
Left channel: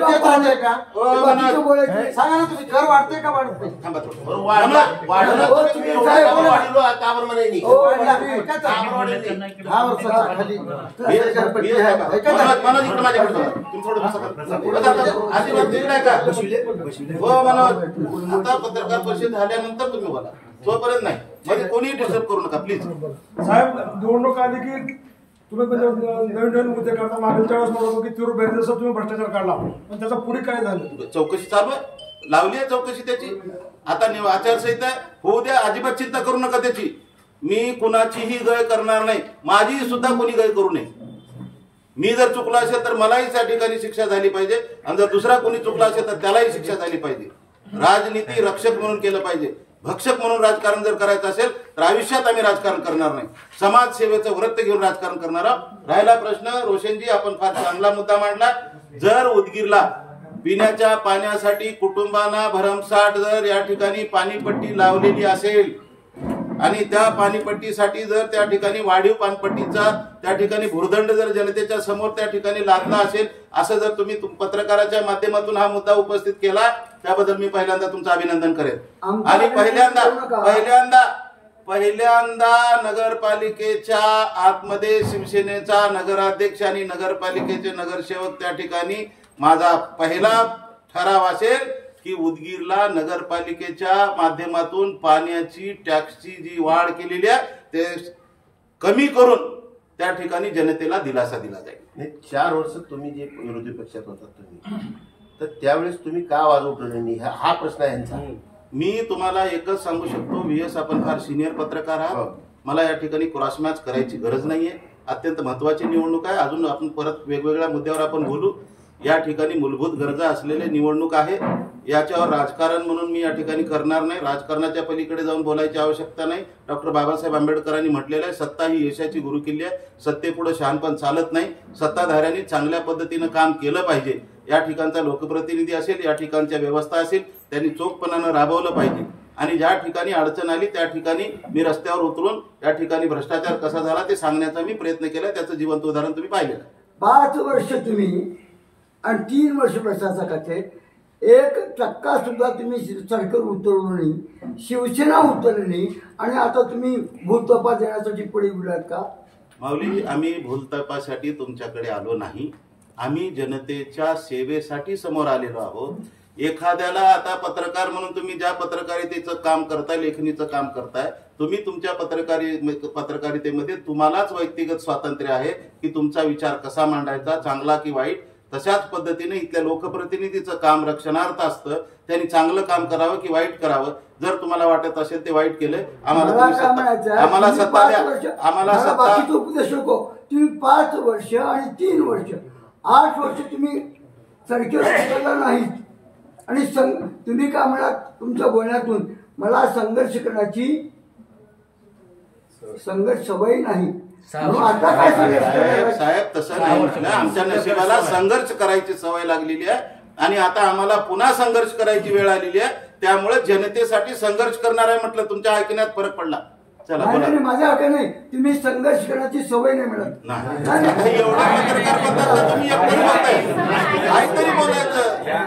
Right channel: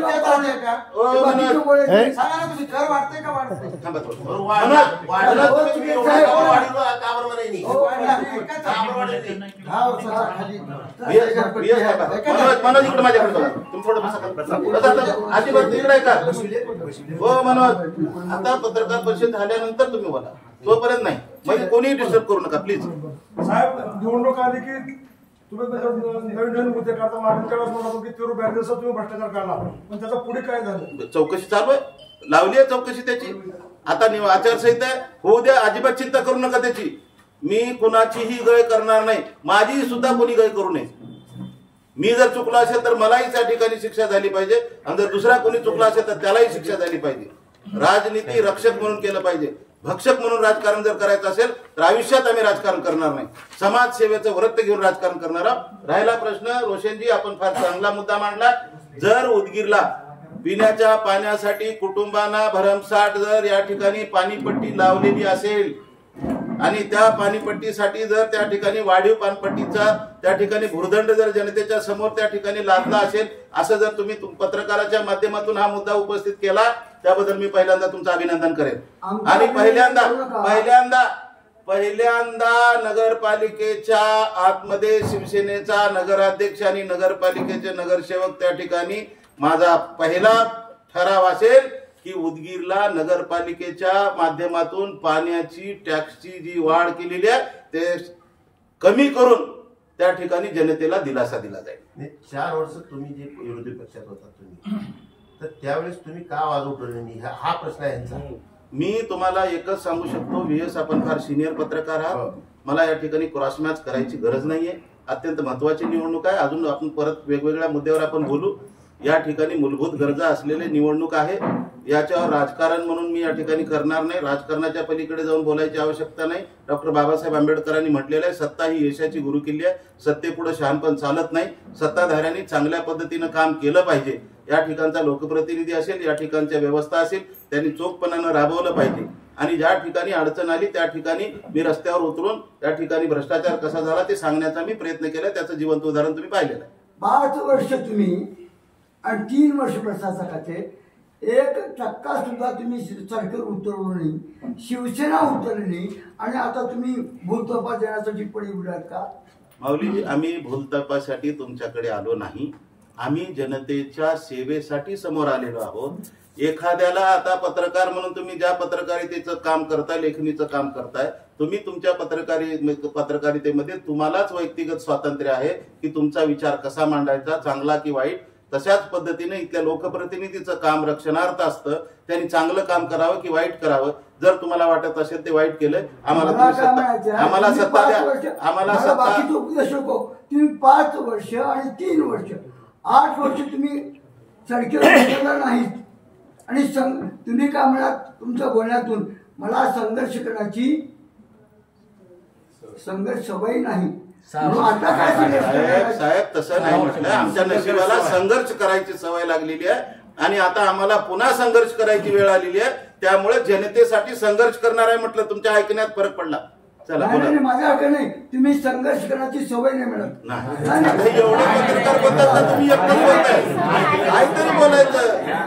बाकी तेच राहते का? ओ, बाकीचं मनोज. बोलायचं. सांगा ना तुम्ही घर वाढते का वाढत नाही? थांबा थोडं. बरं, मनोज, वाढलं. मनोज, हो, तुम्ही साहेब बोला. वाढलो, का बरं म्हणे नाही? हो, वाढली. काय का चाललं? बरं वाढली नाही? हा, चला, खाली. बियस थांबा. मनोज, मनोज इकडे माझ्याकडे बघा. तुम्ही थोडं बसा. बसा. आजीबात तिकडे आहे का? हो मनोज, आता पत्रकार परिषद झाल्यानंतर तुम्ही बोला, तोपर्यंत नाही. म्हणजे कोणीही डिस्टर्ब करू नका प्लीज. साहेब निवडणूक आली की तुम्ही नवीन नवीन मुद्दे काढता. मागील त्यावेळेस म्हणत होतो की तीव्र बॅनर्सचा तुम्ही भ्रष्टाचार काढला, पण त्याचा पुढे काय झालं? चौकशी चालू आहे, लावली आहे चौकशी त्याची. आता आचारसंहिता आहे, होऊ द्या, अजिबात चिंता करू नका त्याची. मी कुणाचीही गय करणार नाही, माझी सुद्धा कोणी गय करू नये. मी जर चुकला असेल तर मलाही त्या ठिकाणी शिक्षा झाली पाहिजे, आणि जर दुसरा कोणी चुकला असेल तर त्यालाही शिक्षा झाली पाहिजे. राजनीती रक्षक म्हणून केलं पाहिजे, भक्षक म्हणून राजकारण जर करायचं असेल तर आयुष्यात आम्ही राजकारण करणार नाही. समाजसेवेचं व्रत घेऊन राजकारण करणार आहोत. राहिला प्रश्न रोशनजी, आपण फार चांगला मुद्दा मांडला. जर उदगीरला पिण्याच्या पाण्यासाठी कुटुंबांना भरमसाठ जर या ठिकाणी पाणीपट्टी लावलेली असेल आणि त्या पाणीपट्टीसाठी जर त्या ठिकाणी वाढीव पाणपट्टीचा त्या ठिकाणी भुर्दंड जर जनतेच्या समोर त्या ठिकाणी लादला असेल, असं जर तुम्ही पत्रकाराच्या माध्यमातून हा मुद्दा उपस्थित केला, त्याबद्दल मी पहिल्यांदा तुमचं अभिनंदन करेन. आणि पहिल्यांदा नगरपालिकेच्या आतमध्ये शिवसेनेचा नगराध्यक्ष आणि नगरपालिकेचे नगरसेवक त्या ठिकाणी माझा पहिला ठराव असेल की उदगीरला नगरपालिकेच्या माध्यमातून पाण्याची टॅक्सची जी वाढ केलेली आहे ते कमी करून त्या ठिकाणी जनतेला दिलासा दिला जाईल. नाही, 4 वर्ष तुम्ही जे विरोधी पक्षात होता तुम्ही, तर त्यावेळेस तुम्ही का आवाज उठवले नाही, हा प्रश्न आहे यांचा. मी तुम्हाला एकच सांगू शकतो, व्हीएस आपण फार सिनियर पत्रकार आहात, मला या ठिकाणी क्रॉस मॅच करायची गरज नाहीये. अत्यंत महत्वाची निवडणूक आहे. अजून आपण परत वेगवेगळ्या मुद्द्यावर आपण बोलू. या ठिकाणी मूलभूत गरजा असलेले निवडणूक आहे. याच्यावर राजकारण म्हणून मी या ठिकाणी करणार नाही. राजकारणाच्या पलीकडे जाऊन बोलायची आवश्यकता नाही. डॉक्टर बाबासाहेब आंबेडकरांनी म्हटलेलं आहे, सत्ता ही यशाची गुरुकिल्ली आहे. सत्तेपुढे शहाणपण चालत नाही. सत्ताधाऱ्यांनी चांगल्या पद्धतीनं काम केलं पाहिजे. या ठिकाणचा लोकप्रतिनिधी असेल, या ठिकाणच्या व्यवस्था असेल, त्यांनी चोखपणानं राबवलं पाहिजे. आणि ज्या ठिकाणी अडचण आली त्या ठिकाणी मी रस्त्यावर उतरून त्या ठिकाणी भ्रष्टाचार कसा झाला ते सांगण्याचा मी प्रयत्न केला. त्याचं जिवंत उदाहरण तुम्ही पाहिलेलं आहे. 5 वर्ष तुम्ही आणि 3 वर्ष प्रशासक खाते, 1 टक्का सुद्धा तुम्ही सरकार उतरवलं नाही, शिवसेना उतरली नाही, आणि आता तुम्ही भूलतपा देण्यासाठी पुढे गेलात का? माऊली, आम्ही भूलतपासाठी तुमच्याकडे आलो नाही. आम्ही जनतेच्या सेवेसाठी समोर आलेलो आहोत. एखाद्याला आता पत्रकार म्हणून तुम्ही ज्या पत्रकारितेचं काम करताय, लेखणीचं काम करताय, तुम्ही तुमच्या पत्रकारितेमध्ये तुम्हालाच व्यक्तिगत स्वातंत्र्य आहे की तुमचा विचार कसा मांडायचा, चांगला की वाईट. तशाच पद्धतीने इथल्या लोकप्रतिनिधीचं काम रक्षणार्थ असतं. त्यांनी चांगलं काम करावं की वाईट करावं. जर तुम्हाला वाटत असेल ते वाईट केलंय, आम्हाला सत्ता द्या, आम्हाला सत्ता. उपदेश नको. तुम्ही 5 वर्ष आणि 3 वर्ष 8 वर्ष तुम्ही सरकार नाहीत, आणि तुम्ही काय म्हणाल तुमच्या बोलण्यातून, मला संघर्ष करण्याची सवय नाही. आता काय साहेब तसं नाही म्हटलं. आमच्या नशिबाला संघर्ष करायची सवय लागलेली आहे आणि आता आम्हाला पुन्हा संघर्ष करायची वेळ आलेली आहे. त्यामुळे जनतेसाठी संघर्ष करणार आहे म्हटलं. तुमच्या ऐकण्यात फरक पडला. चला बोला. माझ्या नाही, तुम्ही संघर्ष करण्याची सवय नाही मिळत. नाही, एवढे पत्रकार बद्दल तुम्ही एकटंच बोलताय. काहीतरी बोलायचं.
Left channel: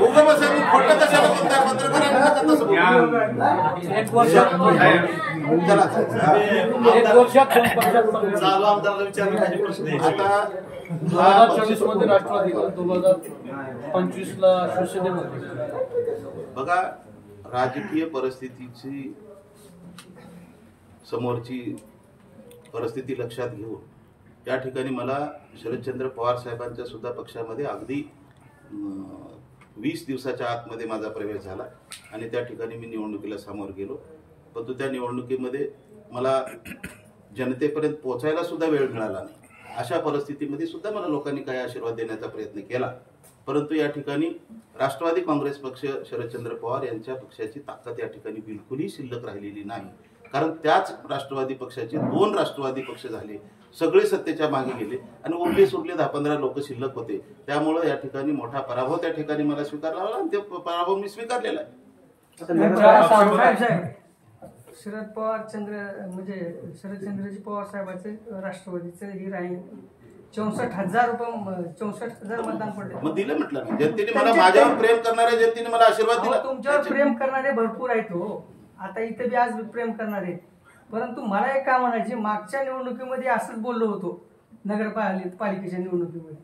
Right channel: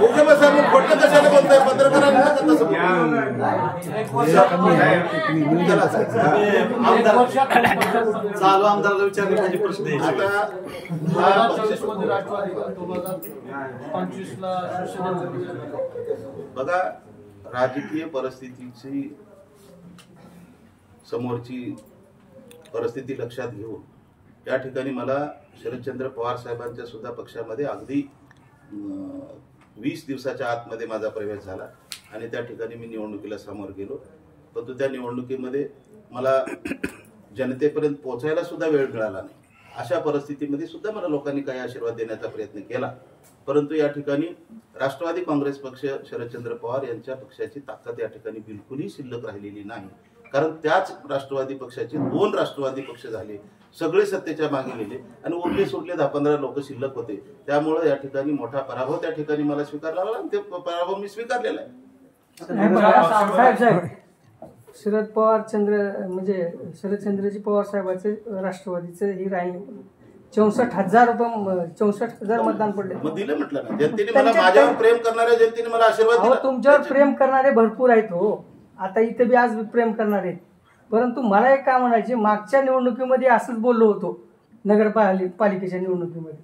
उगं बसा मग खोटं कशाला बोलताय पत्रकारांना का तसं चला चालू आमदाराला विचारले पाहिजे प्रश्न. आता हा पक्ष बघा, राजकीय परिस्थितीची समोरची परिस्थिती लक्षात घेऊन या ठिकाणी मला शरदचंद्र पवार साहेबांच्या सुद्धा पक्षामध्ये अगदी 20 दिवसाच्या आतमध्ये माझा प्रवेश झाला आणि त्या ठिकाणी मी निवडणुकीला सामोरं गेलो. परंतु त्या निवडणुकीमध्ये मला जनतेपर्यंत पोहोचायला सुद्धा वेळ मिळाला नाही. अशा परिस्थितीमध्ये सुद्धा मला लोकांनी काही आशीर्वाद देण्याचा प्रयत्न केला. परंतु या ठिकाणी राष्ट्रवादी काँग्रेस पक्ष, शरदचंद्र पवार यांच्या पक्षाची ताकद या ठिकाणी बिलकुलही शिल्लक राहिलेली नाही. कारण त्याच राष्ट्रवादी पक्षाचे 2 राष्ट्रवादी पक्ष झाले, सगळे सत्तेच्या मागे गेले आणि उरले सुरले 10-15 लोक शिल्लक होते. त्यामुळे या ठिकाणी मोठा पराभव त्या ठिकाणी मला स्वीकारला लागला आणि ते पराभव मी स्वीकारलेला आहे. शरदचंद्रजी पवार साहेबांचे राष्ट्रवादीचं ही राही 64,000 मतदान पडले. मग दिलं म्हटलं ना, जनतेने मला, माझ्यावर प्रेम करणाऱ्या जनतेने मला आशीर्वाद अहो, दिला. तुमच्यावर प्रेम करणारे भरपूर आहेत हो. आता इथे बी आज प्रेम करणारे आहेत. परंतु मला एक काय म्हणायचे, मागच्या निवडणुकीमध्ये असंच बोललो होतो. नगरपालिकेच्या निवडणुकीमध्ये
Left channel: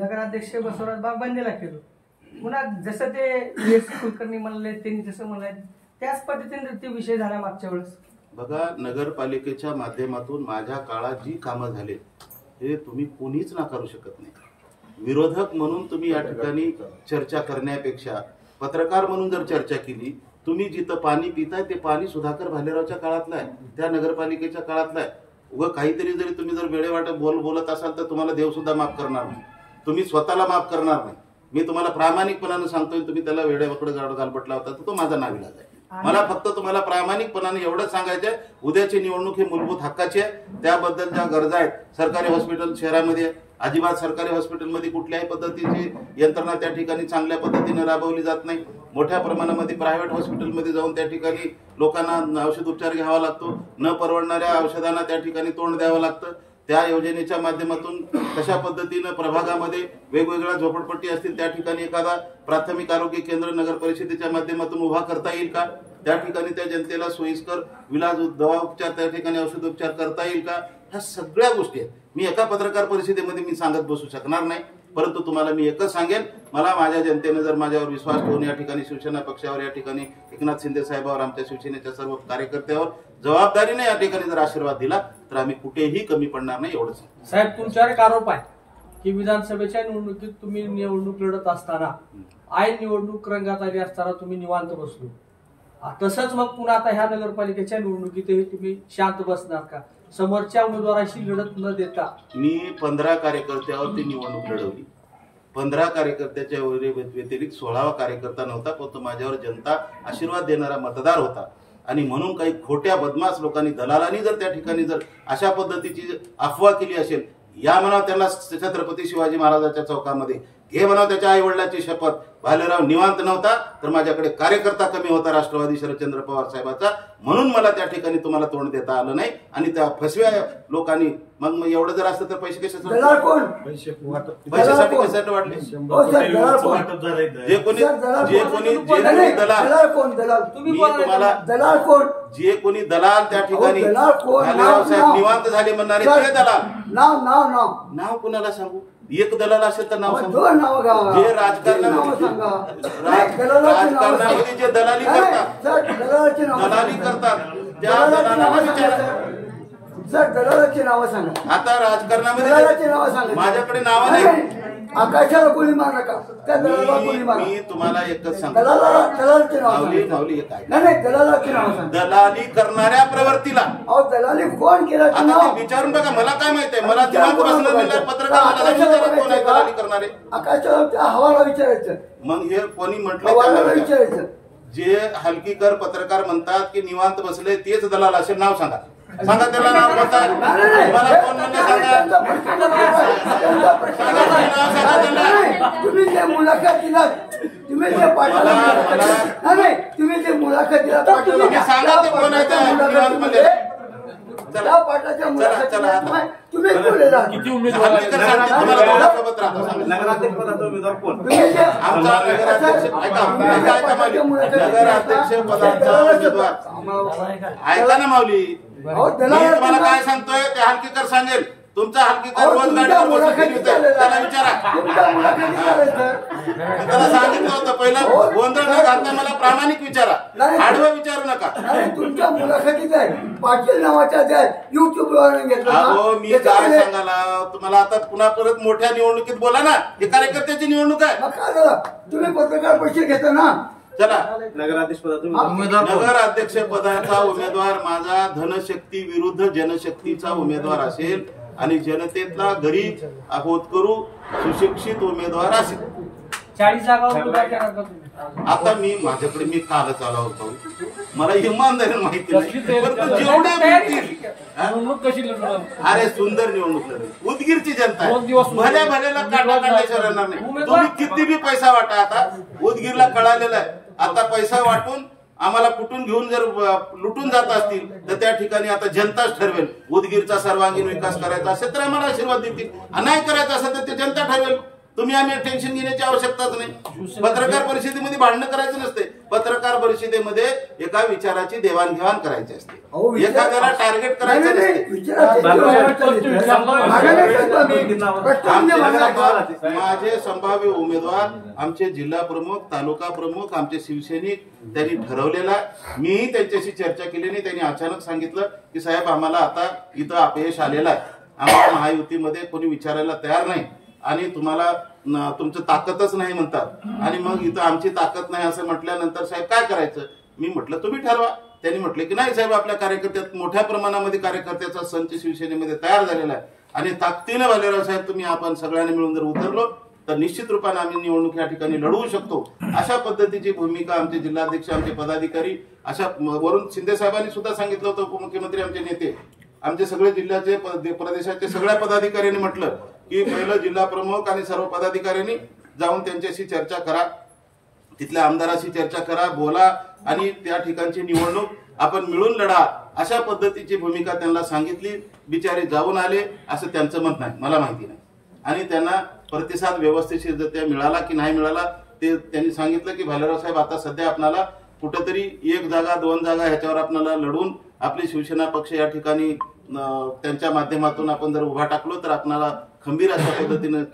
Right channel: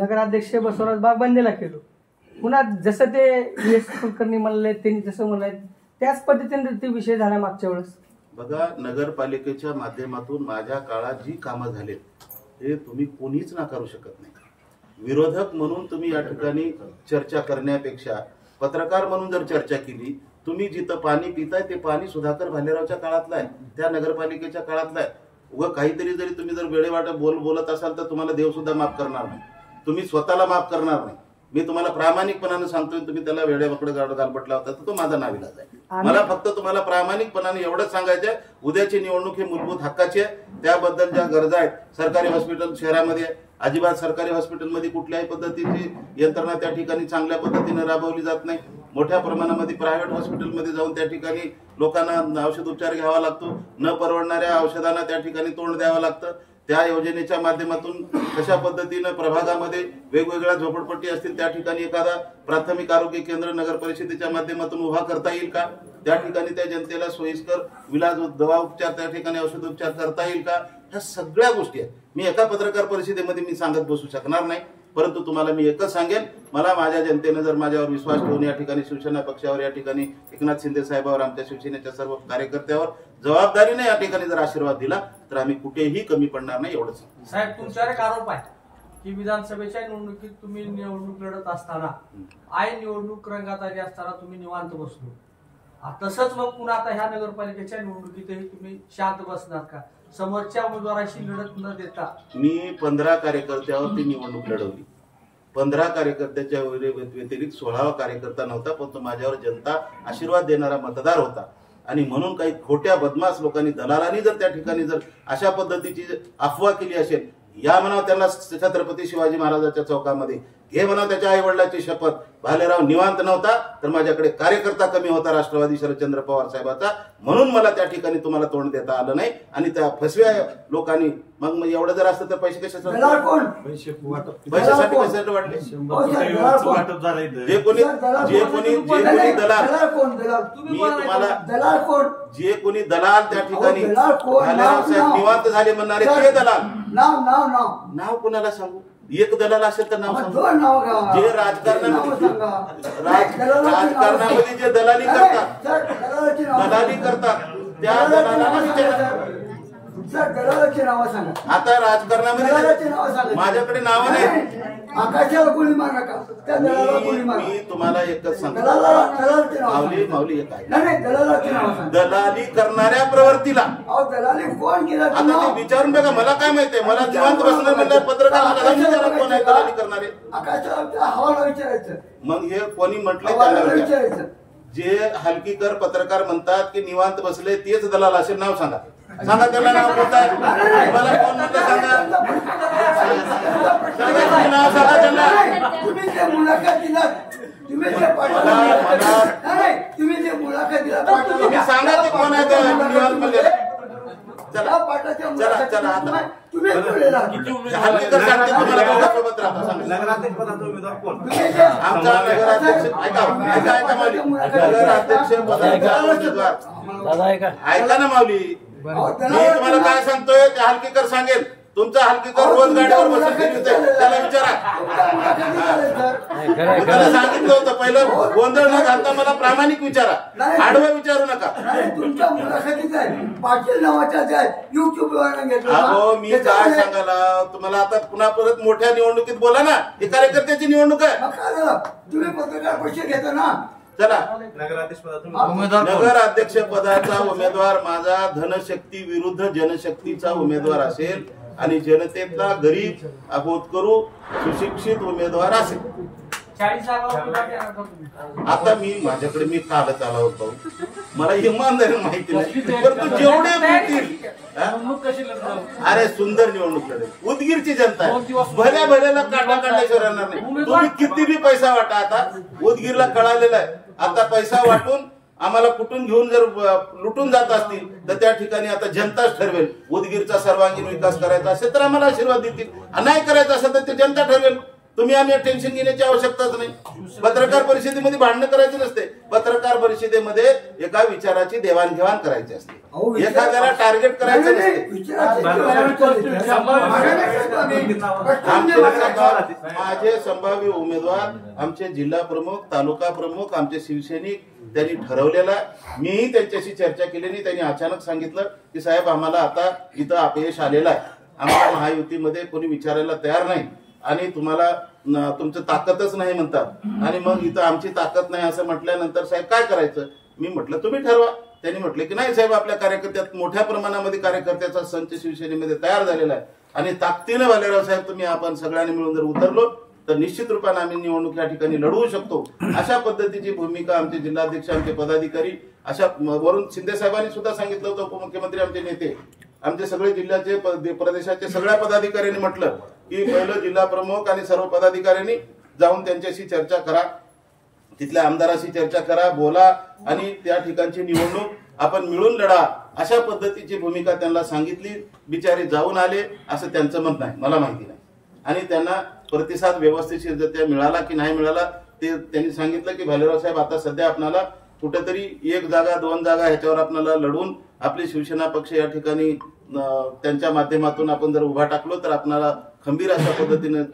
नगराध्यक्ष बसवराज बागबंदेला केलो. पुन्हा जसं ते एस कुलकर्णी म्हणले, त्यांनी जसं म्हणलंय त्याच पद्धतीने ते विषय झाला मागच्या वेळेस. बघा, नगरपालिकेच्या माध्यमातून माझ्या काळात जी कामं झाले ते तुम्ही कोणीच नाकारू शकत नाही. विरोधक म्हणून तुम्ही या ठिकाणी चर्चा करण्यापेक्षा पत्रकार म्हणून जर चर्चा केली, तुम्ही जिथं पाणी पिताय ते पाणी सुधाकर भालेरावच्या काळातलं आहे, त्या नगरपालिकेच्या काळातलं आहे. उगं काहीतरी जरी तुम्ही जर वेळेवाट बोलत असाल तर तुम्हाला देव सुद्धा माफ करणार नाही, तुम्ही स्वतःला माफ करणार नाही. मी तुम्हाला प्रामाणिकपणाने सांगतोय, तुम्ही त्याला वेळेवाकडे गालबटला होता तर तो माझा नाविलाज आहे. मला फक्त तुम्हाला प्रामाणिकपणाने एवढंच सांगायचं आहे, उद्याची निवडणूक ही मूलभूत हक्काची आहे. त्याबद्दल ज्या गरजा आहेत, सरकारी हॉस्पिटल शहरामध्ये अजिबात सरकारी हॉस्पिटलमध्ये कुठल्याही पद्धतीची यंत्रणा त्या ठिकाणी चांगल्या पद्धतीने राबवली जात नाही. मोठ्या प्रमाणामध्ये प्रायव्हेट हॉस्पिटलमध्ये जाऊन त्या ठिकाणी लोकांना औषध उपचार घ्यावा लागतो. न परवडणाऱ्या औषधांना त्या ठिकाणी तोंड द्यावं लागतं. त्या योजनेच्या माध्यमातून कशा पद्धतीनं प्रभागामध्ये वेगवेगळ्या झोपडपट्टी असतील त्या ठिकाणी एखादा प्राथमिक आरोग्य केंद्र नगर परिषदेच्या माध्यमातून उभा करता येईल का? त्या ठिकाणी त्या जनतेला सोयीस्कर विलाज दवा उपचार, त्या ठिकाणी औषधोपचार करता येईल का? ह्या सगळ्या गोष्टी आहेत. मी एका पत्रकार परिषदेमध्ये मी सांगत बसू शकणार नाही. परंतु तुम्हाला मी एकच सांगेन, मला माझ्या जनतेनं जर माझ्यावर विश्वास ठेवून या ठिकाणी शिवसेना पक्षावर, या ठिकाणी एकनाथ शिंदे साहेबांवर, आमच्या शिवसेनेच्या सर्व कार्यकर्त्यावर जबाबदारीने या ठिकाणी जर आशीर्वाद दिला तर आम्ही कुठेही कमी पडणार नाही, एवढंच. साहेब, तुमच्यावर एक आरोप आहे की विधानसभेच्या निवडणुकीत तुम्ही निवडणूक लढत असताना, आय निवडणूक रंगात आली असताना तुम्ही निवांत बसलो. तसंच मग पुन्हा आता ह्या नगरपालिकेच्या निवडणुकीतही तुम्ही शांत बसणार का? समोरच्या उमेदवाराशी लढत न देता. मी 15 कार्यकर्त्यावरती निवडणूक लढवली. 15 कार्यकर्त्याच्या व्यतिरिक्त 16वा कार्यकर्ता नव्हता, पण तो माझ्यावर जनता आशीर्वाद देणारा मतदार होता. आणि म्हणून काही खोट्या बदमाश लोकांनी, दलालांनी जर त्या ठिकाणी जर अशा पद्धतीची अफवा केली असेल, या म्हणावं त्यांना छत्रपती शिवाजी महाराजांच्या चौकामध्ये, हे म्हणावं त्याच्या आई वडिलांची शपथ, भालेराव निवांत नव्हता तर माझ्याकडे कार्यकर्ता कमी होता राष्ट्रवादी शरदचंद्र पवार साहेबाचा, म्हणून मला त्या ठिकाणी तुम्हाला तोंड देता आलं नाही. आणि त्या फसव्या लोकांनी मग एवढं जर असतं तर पैसे कशासाठी पैशासाठी वाटले? जे कोणी दलाल, मी तुम्हाला जे कोणी दलाल त्या ठिकाणी भालेराव साहेब निवांत झाले म्हणणारे ते दलाल, नाव कुणाला सांगू? एक दलाल असेल तर नाव सांगू. जे राजकारणामध्ये जे दलाली करतात त्या दलालांना विचारा. दलालाची नावं सांगा. आता राजकारणामध्ये माझ्याकडे नावं नाही. आकाशाला गोळी मार नका, त्या दलाला गोळी मारा. मी तुम्हाला एकच सांगतो, दलालाची नावं माऊली एक आहे, नाही दलालाची नावं सांगा. दलाली करणाऱ्या प्रवृत्तीला दलाली कोण केलं? आता ते विचारून बघा. मला काय माहितीये, मला निवांत बसणार म्हणल्यावर पत्रकार मला विचारा कोण आहे दलाली करणारे. आकाशाला हवाला विचारायचं. मग हे कोणी म्हटलंय त्याला विचारायचं. जे हलकीकर पत्रकार म्हणतात की निवांत बसले तेच दलाल असेल, नाव सांगा. सांगा त्याला नाव कोणतं आहे? मला कोण म्हणलं सांगा. सांगा तुम्ही नाव सांगा त्यांना. तुम्ही जे मुलाखत दिला, तुम्ही जे तुम्ही जे मुलाखत दिला, तुम्ही सांगा ते कोण आहे त्या निवांत म्हणलेलं. चला चला आता तुम्ही हल्लीकर सांगतील तुम्हाला दोघांसोबत राहता. आमचा नगराध्यक्ष ऐका माऊली, नगराध्यक्ष पदाचा उमेदवार ऐका ना माऊली, मी तुम्हाला काय सांगतोय ते हलकीकर सांगेल. तुमचा हलकीकर रोज गाडीवर बसून फिरतोय, त्याला विचारा. मी त्याला सांगितलं होतं पहिलं, गोंधळ न घालता मला प्रामाणिक विचारा, आडवं विचारू नका. तुमच्या मुलाखतीत आहे पाटील नावाच्या युट्यूबवर घेतला. अहो मी काय सांगायला तुम्हाला, आता पुन्हा परत मोठ्या निवडणुकीत बोला ना, हे कार्यकर्त्याची निवडणूक आहे. तुम्ही पत्रकार पैसे घेता ना. चला, नगराध्यक्ष पदाचा उमेदवार माझा धनशक्ती विरुद्ध जनशक्तीचा उमेदवार असेल आणि जनतेतला गरीब होतकरू सुशिक्षित उमेदवार असेल. 40 जागा. आता माझ्याकडे मी कालच आलो भाऊ, मला इमानदारीने माहिती नाही, परंतु जेवढे बोलतील अरे सुंदर निवडणूक लढेल. उदगीरची जनता आहे, भल्या भल्याला काटा काढल्याशिवाय राहणार नाही. तुम्ही किती बी पैसा वाटा, आता उदगीरला कळालेला आहे. आता पैसा वाटून आम्हाला कुठून घेऊन जर लुटून जात असतील तर त्या ठिकाणी आता जनताच ठरवेल. उदगीरचा सर्वांगीण विकास करायचा असेल तर आम्हाला आशीर्वाद देतील, नाही करायचा असेल तर ते जनता ठरवेल. तुम्ही आम्ही टेन्शन घेण्याची आवश्यकताच नाही. पत्रकार परिषदेमध्ये भांडणं करायचं नसते. पत्रकार परिषदेमध्ये एका विचाराची देवाणघेवाण करायची असते, एखाद्याला टार्गेट करायचं नसते. माझे संभाव्य उमेदवार, आमचे जिल्हा प्रमुख, तालुका प्रमुख, आमचे शिवसैनिक त्यांनी ठरवलेला आहे. मीही त्यांच्याशी चर्चा केली नाही. त्यांनी अचानक सांगितलं की साहेब आम्हाला आता इथं अपयश आलेलं आहे, आम्हाला महायुतीमध्ये कोणी विचारायला तयार नाही आणि तुम्हाला तुमचं ताकदच नाही म्हणतात, आणि मग इथं आमची ताकद नाही असं म्हटल्यानंतर साहेब काय करायचं. मी म्हटलं तुम्ही ठरवा. त्यांनी म्हटलं की नाही साहेब, आपल्या कार्यकर्त्यात मोठ्या प्रमाणामध्ये कार्यकर्त्याचा संच शिवसेनेमध्ये तयार झालेला आहे आणि ताकदीने भालेराव साहेब तुम्ही आपण सगळ्यांनी मिळून जर उतरलो तर निश्चित रूपाने आम्ही निवडणूक या ठिकाणी लढवू शकतो. अशा पद्धतीची भूमिका आमचे जिल्हाध्यक्ष, आमचे पदाधिकारी, अशा वरून शिंदे साहेबांनी सुद्धा सांगितलं होतं, उपमुख्यमंत्री, आमचे नेते, आमचे सगळे जिल्ह्याचे प्रदेशाचे सगळ्या पदाधिकाऱ्यांनी म्हटलं की पहिलं जिल्हा प्रमुख आणि सर्व पदाधिकाऱ्यांनी जाऊन त्यांच्याशी चर्चा करा, तिथल्या आमदाराशी चर्चा करा, बोला आणि त्या ठिकाणची निवडणूक आपण मिळून लढा. अशा पद्धतीची भूमिका त्यांना सांगितली. बिचारे जाऊन आले असं त्यांचं मत नाही, मला माहिती नाही. आणि त्यांना प्रतिसाद व्यवस्थितरित्या मिळाला की नाही मिळाला ते त्यांनी सांगितलं की भालेराव साहेब आता सध्या आपल्याला कुठेतरी 1 जागा 2 जागा ह्याच्यावर आपल्याला लढून आपली शिवसेना पक्ष या ठिकाणी त्यांच्या माध्यमातून आपण जर उभा टाकलो तर आपल्याला खंबीर अशा पद्धतीनं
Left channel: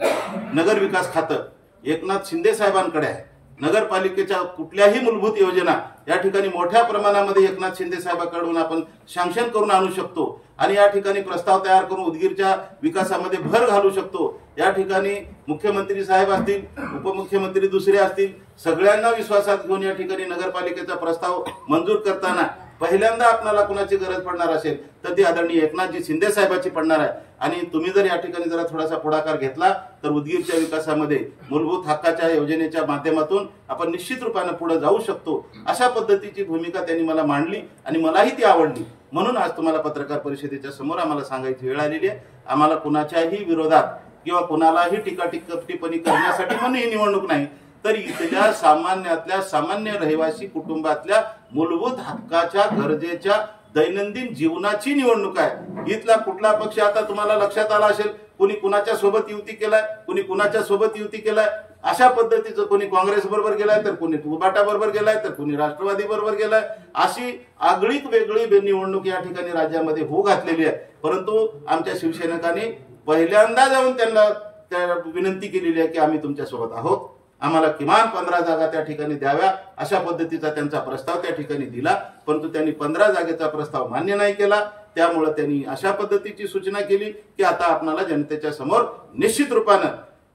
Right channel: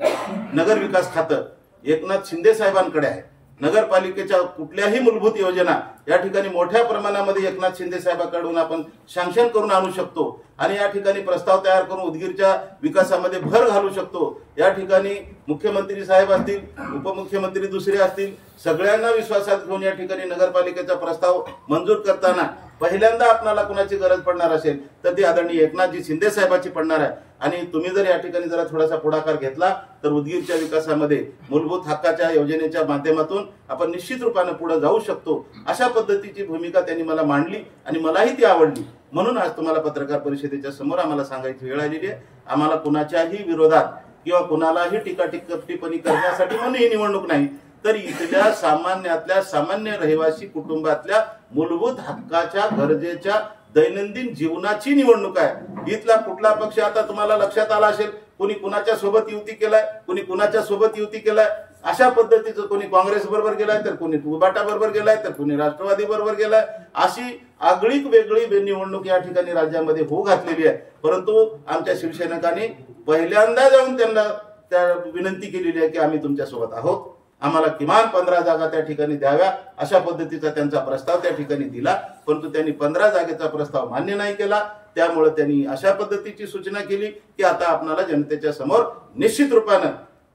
नगर विकास खातं एकनाथ शिंदे साहेबांकडे आहे. नगरपालिकेच्या कुठल्याही मूलभूत योजना या ठिकाणी मोठ्या प्रमाणामध्ये एकनाथ शिंदे साहेबांकडून आपण सँक्शन करून आणू शकतो आणि या ठिकाणी प्रस्ताव तयार करून उदगीरच्या विकासामध्ये भर घालू शकतो. या ठिकाणी मुख्यमंत्री साहेब असतील, उपमुख्यमंत्री दुसरे असतील, सगळ्यांना विश्वासात घेऊन या ठिकाणी नगरपालिकेचा प्रस्ताव मंजूर करताना पहिल्यांदा आपल्याला कुणाची गरज पडणार असेल तर ती आदरणीय एकनाथजी शिंदे साहेबांची पडणार आहे. आणि तुम्ही जर या ठिकाणी जरा थोडासा पुढाकार घेतला तर उदगीरच्या विकासामध्ये मूलभूत हक्काच्या योजनेच्या माध्यमातून आपण निश्चित रूपाने पुढे जाऊ शकतो. अशा पद्धतीची भूमिका त्यांनी मला मांडली आणि मलाही ती आवडली. म्हणून आज तुम्हाला पत्रकार परिषदेच्या समोर आम्हाला सांगायची वेळ आलेली आहे. आम्हाला कुणाच्याही विरोधात किंवा कुणालाही टिप्पणी करण्यासाठी म्हणून ही निवडणूक नाही, तर इथल्या सामान्यातल्या सामान्य रहिवासी कुटुंबातल्या मूलभूत हक्काच्या गरजेच्या दैनंदिन जीवनाची निवडणूक आहे. इथला कुठला पक्ष आता तुम्हाला लक्षात आला असेल, कोणी कुणाच्या सोबत युती केलाय, कोणी कुणाच्या सोबत युती केलाय, अशा पद्धतीचं कोणी काँग्रेस बरोबर गेलाय तर कोणी उबाटा बरोबर गेलाय तर कोणी राष्ट्रवादी बरोबर गेलाय. अशी आगळीक वेगळी निवडणूक या ठिकाणी राज्यामध्ये होऊ घातलेली आहे. परंतु आमच्या शिवसैनिकांनी पहिल्यांदा जाऊन त्यांना त्या विनंती केलेली आहे की आम्ही तुमच्या सोबत आहोत, आम्हाला किमान 15 जागा त्या ठिकाणी द्याव्या, अशा पद्धतीचा त्यांचा प्रस्ताव त्या ठिकाणी दिला. परंतु त्यांनी 15 जागेचा प्रस्ताव मान्य नाही केला. त्यामुळे त्यांनी अशा पद्धतीची सूचना केली की आता आपल्याला जनतेच्या समोर निश्चित रूपानं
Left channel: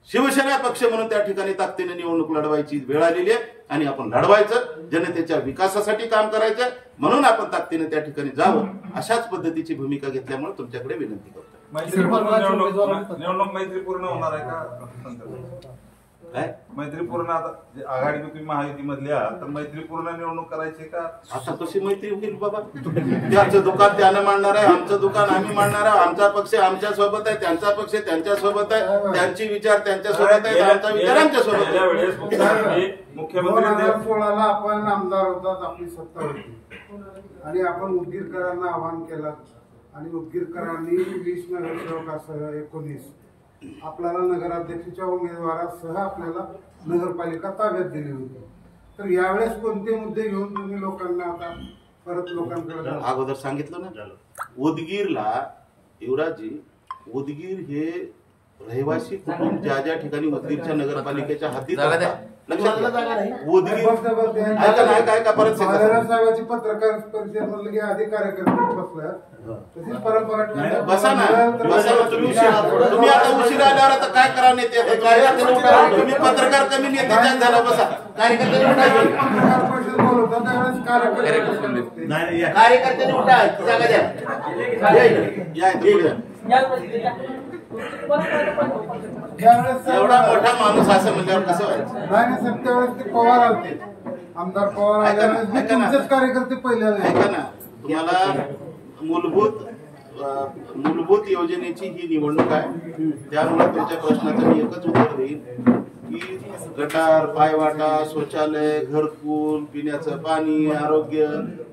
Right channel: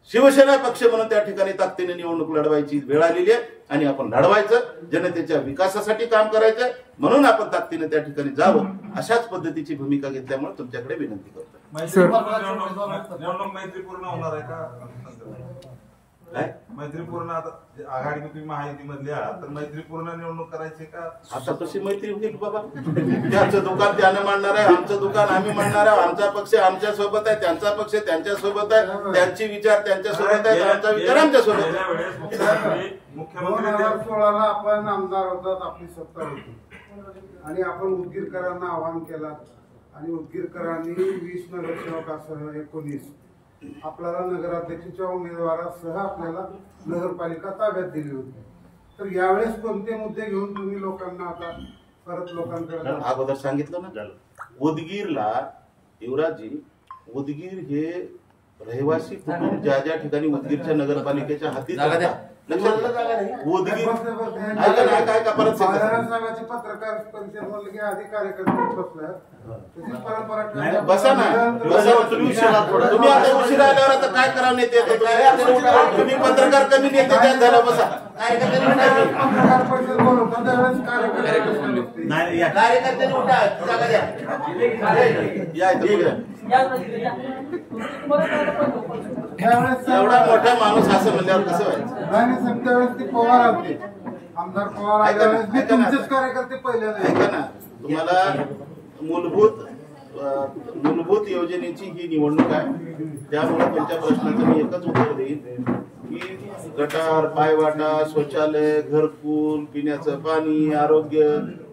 शिवसेना पक्ष म्हणून त्या ठिकाणी ताकदीने निवडणूक लढवायची वेळ आलेली आहे आणि आपण लढवायचं, जनतेच्या विकासासाठी काम करायचं, म्हणून आपण ताकदीने त्या ठिकाणी जावं. अशाच पद्धतीची भूमिका घेतल्यामुळे तुमच्याकडे विनंती करतोय. निवडणूक मैत्रीपूर्ण होणार आहे का? काय मैत्रीपूर्ण आता आघाडी तुम्ही महायुतीमधली आहात तर मैत्रीपूर्ण निवडणूक करायची का? आता कशी मैत्री होईल बाबा? त्याचं दुकान त्यानं मांडणार आहे, आमचं दुकान आम्ही मांडणार आहे, आमचा पक्ष आमच्या सोबत आहे, त्यांचा पक्ष त्यांच्या सोबत आहे, त्यांचे विचार त्यांच्या सोबत आहेत, आमचा विचार आमच्या सोबत आहे. मुख्यमंत्री 2016ला आपण आमदार होतात, आपली सत्ता होती आणि आपण उदगीरकरांना आवाहन केलं आणि उदगीरकरांनी 20 नगरसेवकासह 19 आपल्याला नगराध्यक्षाच्या उमेदवारासह आपल्याला नगरपालिका ताब्यात दिली होती. तर यावेळेस कोणते मुद्दे घेऊन तुम्ही लोकांना आता परत लोकांकडे? अगोदर सांगितलं ना, उदगीरला युवराजी, उदगीर हे रहिवासी कुटुंब ज्या ठिकाणी उदगीरच्या नगरपालिकेच्या हाती लक्षात घ्या. उदगीर ऐका ना, ऐका परत साहेबांची पत्रकार परिषद म्हणलं की आधी कार्यकर्ते बसल्या तशीच परंपरा. बसा ना, बसा ना, तुम्ही आता उशिरा आल्यावर आता काय करावं नेते? आता तुम्ही पत्रकार कमी नेते त्यात झाला. बसा. पत्रकार परिषद बोलवतात त्यावेळेस एवढा मोठा माणूस असं म्हणल्यावर कसं व्हायचं? त्यावेळेस ते पवार आलते, आमदार पवार. कार्यकर्ते पहिले ऐका ना, तुम्हाला मूलभूत योजनेची ही निवडणूक आहे. त्यामुळे तुमच्या प्रश्नाचं मी एकच उत्तर देईन की गटार, पायवाटा, शौचालय, घरकुल, पिण्याचं पाणी, आरोग्य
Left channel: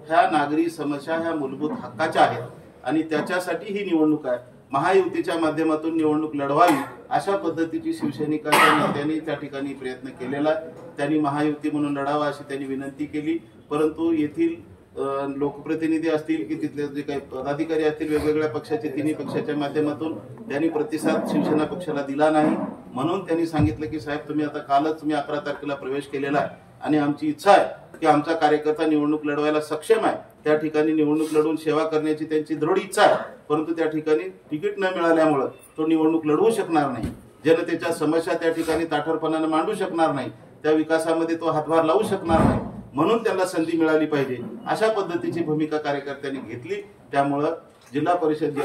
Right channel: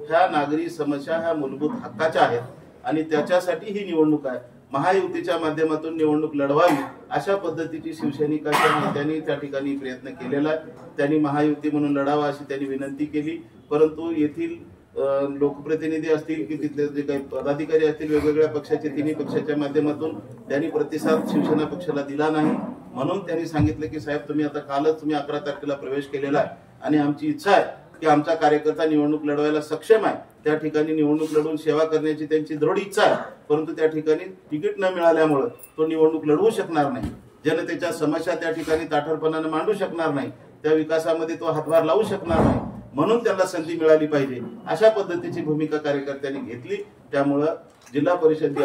ह्या नागरी समस्या ह्या मूलभूत हक्काच्या आहेत आणि त्याच्यासाठी ही निवडणूक आहे. महायुतीच्या माध्यमातून निवडणूक लढवावी अशा पद्धतीची शिवसैनिकांच्या नेत्यांनी त्या ठिकाणी प्रयत्न केलेला आहे. त्यांनी महायुती म्हणून लढावा अशी त्यांनी विनंती केली, परंतु येथील लोकप्रतिनिधी असतील की तिथले जे काही पदाधिकारी असतील वेगवेगळ्या पक्षाचे तिन्ही पक्षाच्या माध्यमातून त्यांनी प्रतिसाद शिवसेना पक्षाला दिला नाही. म्हणून त्यांनी सांगितलं की साहेब तुम्ही आता कालच तुम्ही 11 तारखेला प्रवेश केलेला आहे आणि आमची इच्छा आहे की आमचा कार्यकर्ता निवडणूक लढवायला सक्षम आहे. त्या ठिकाणी निवडणूक लढवून सेवा करण्याची त्यांची दृढ इच्छा आहे, परंतु त्या ठिकाणी तिकीट न मिळाल्यामुळे तो निवडणूक लढवू शकणार नाही. जनतेच्या समस्या त्या ठिकाणी ताठरपणाने मांडू शकणार नाही. त्या विकासामध्ये तो हातभार लावू शकणार नाही. म्हणून त्यांना संधी मिळाली पाहिजे अशा पद्धतीची भूमिका कार्यकर्त्यांनी घेतली. त्यामुळं जिल्हा परिषद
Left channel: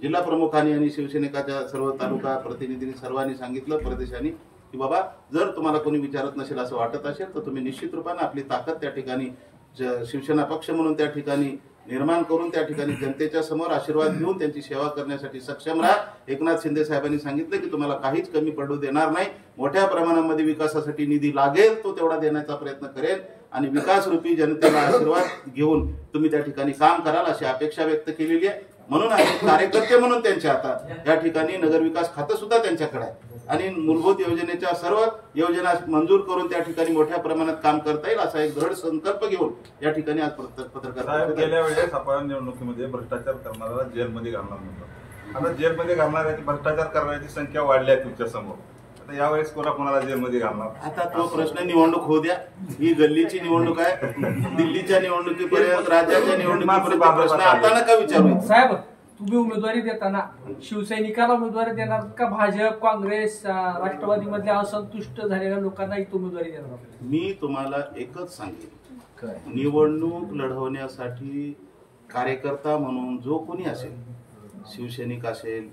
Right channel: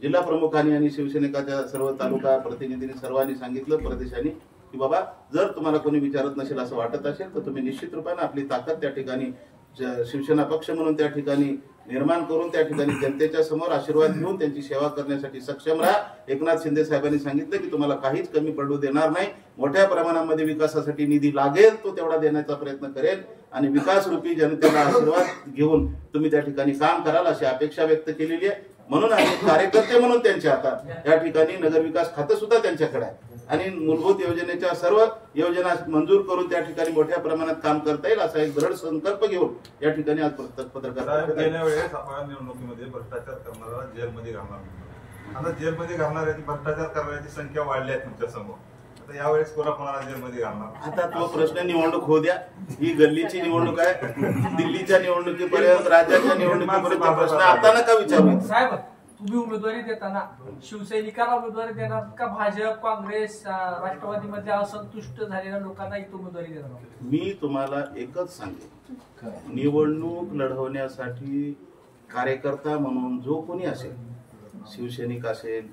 जिल्हा प्रमुखांनी आणि शिवसैनिकाच्या सर्व तालुका प्रतिनिधींनी सर्वांनी सांगितलं प्रदेशांनी की बाबा जर तुम्हाला कोणी विचारत नसेल असं वाटत असेल तर तुम्ही निश्चित रूपाने आपली ताकद त्या ठिकाणी शिवसेना पक्ष म्हणून त्या ठिकाणी निर्माण करून त्या ठिकाणी जनतेच्या समोर आशीर्वाद घेऊन त्यांची सेवा करण्यासाठी सक्षम राहा. एकनाथ शिंदे साहेबांनी सांगितलं की तुम्हाला काहीच कमी पडू देणार नाही. मोठ्या प्रमाणामध्ये विकासासाठी निधी लागेल तो तेवढा देण्याचा प्रयत्न करेल आणि विकास रूपी जनतेला आशीर्वाद घेऊन तुम्ही त्या ठिकाणी काम कराल अशी अपेक्षा व्यक्त केलेली आहे. म्हणून आम्ही कार्यकर्ते म्हणून त्यांच्या आता या ठिकाणी नगरविकास खातं सुद्धा त्यांच्याकडे आहे आणि मूलभूत योजनेच्या सर्व योजना मंजूर करून त्या ठिकाणी मोठ्या प्रमाणात काम करता येईल असा एक दृढ संकल्प घेऊन या ठिकाणी आज पत्रकार गेल्या वेळेस आपण निवडणुकीमध्ये भ्रष्टाचार करणारा जेलमध्ये घालणार नव्हतं. आता जेलमध्ये घालणाऱ्याची भ्रष्टाचार करण्याची संख्या वाढली आहे तुमच्या समोर. आता यावेळेस कोणाकोणाला जेलमध्ये घालणार? आता तो प्रश्न निवडणूक होऊ द्या. ही गल्लीची निवडणूक आहे. दिल्लीच्या निवडणुकीपर्यंत राज्याच्या निवडणुकीपर्यंत प्रश्न आता नका विचारू. साहेब तुम्ही उमेदवारी देताना शिवसैनिकाला उमेदवारी देणार का भाजप, काँग्रेस, राष्ट्रवादी मध्ये असंतुष्ट झालेल्या लोकांना इथं उमेदवारी देणार? मी तुम्हाला एकच सांगेन, निवडणूक लढवण्यासाठी कार्यकर्ता म्हणून जो कोणी असेल, शिवसैनिक असेल,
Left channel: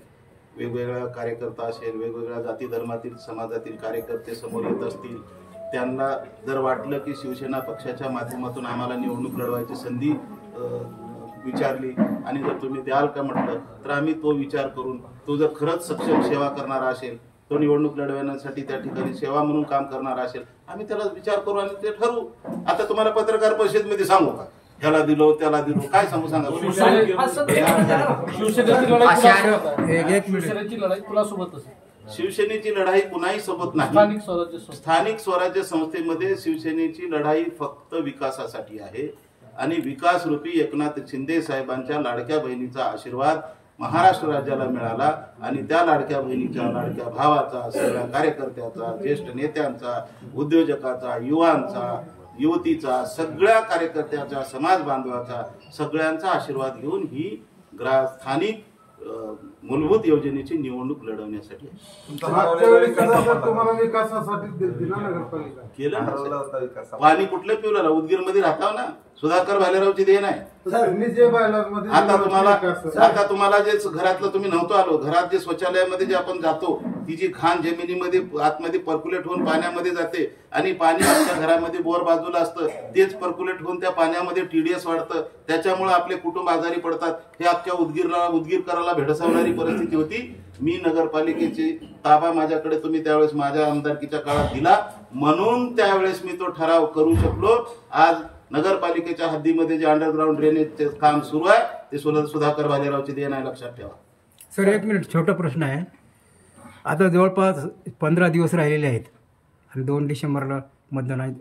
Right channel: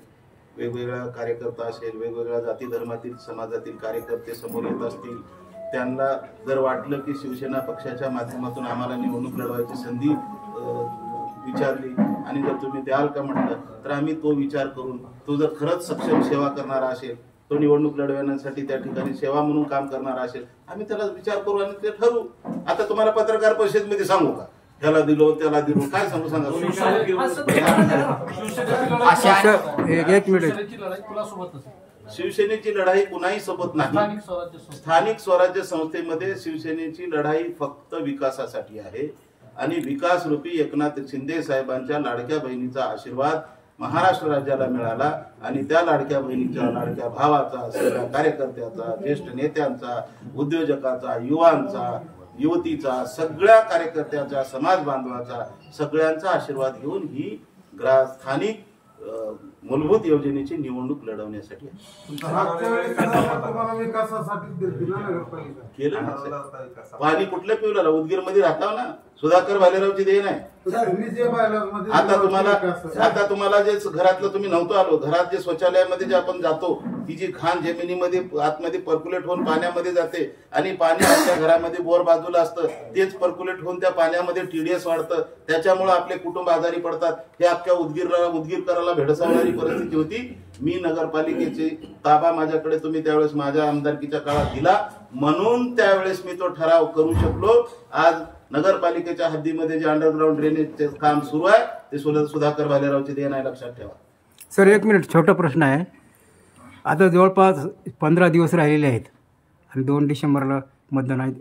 वेगवेगळा कार्यकर्ता असेल, वेगवेगळ्या जाती धर्मातील समाजातील कार्यकर्ते समोर येत असतील, त्यांना जर वाटलं की शिवसेना पक्षाच्या माध्यमातून आम्हाला निवडणूक लढवायची संधी विचारली आणि जर तुम्ही द्याल का म्हटलं तर आम्ही तो विचार करून तो जर खरंच सक्षम सेवा करणारा असेल, तो निवडणूक लढवण्यासाठी त्या ठिकाणी सेवा म्हणून काम करणारा असेल, आम्ही त्याला विचार करू आणि ते ठरवू. आता तुम्हाला पत्रकार परिषदेमध्ये सांगू का ह्याला दिलो त्याला दिलो काय सांगू सांगा? शिवसेनेची लढाई कुणाही सोबत नाही. स्थानिक स्वराज्य संस्थेमध्ये शिवसेनेची लढाई फक्त विकासासाठी आहे आणि विकास रूपी एकनाथ शिंदे साहेबांच्या लाडक्या बहिणीचा आशीर्वाद महाराष्ट्र राज्याला मिळाला आणि त्या लाडक्या बहिणीच्या, लाडक्या भावाचा, सगळ्या कार्यकर्त्याचा, ज्येष्ठ नेत्यांचा, उद्योजकाचा, युवांचा, युवतीचा, सगळ्या कार्यकर्त्याचा, समाज बांधवाचा, सगळ्यांचा आशीर्वाद घेऊन ही स्थानिक मूलभूत योजनेची निवडणूक लढवण्यासाठी केलं ना. पाणी कुठलं पिवलं? उदगीरमध्ये राहता ना, सुधाकर भालेरावची देण आहे. आता तुम्हाला जे घरातलं तुम्ही नव्हतं आलो, घरात जे शौचालयामध्ये जे आपण जातो ती जी घाण जमिनीमध्ये आतमध्ये पर्क्युलेट होऊन पाण्यामध्ये जाते आणि पाणी आपल्या घरामध्ये बोर बाजूला असतं, तेच पर्क्युलेट होऊन त्या पाण्यामध्ये TDS वाढतं, त्याच्यामुळे आपले कुटुंब आजारी पडतात. हे अख्ख्या उदगीरकराला भेडसावणारी परिस्थिती होती. मी नगरपालिकेची ताबा माझ्याकडे तुम्ही त्यावेळेस माझ्या आमदारकीच्या काळात दिला म्हणून त्यावेळेस मी तो ठराव करू शकलो. आज नगरपालिकेच्या हद्दीमध्ये जे अंडरग्राऊंड ड्रेनेजचे काम सुरू आहे ते सुधाकर भालेरावचे देण आहे, लक्षात ठेवा. सर एक मिनिट, छोटा प्रश्न आहे. आता जवळपास 15 दिवस राहिलेले आहेत आणि 2 डिसेंबरला मतदान आहे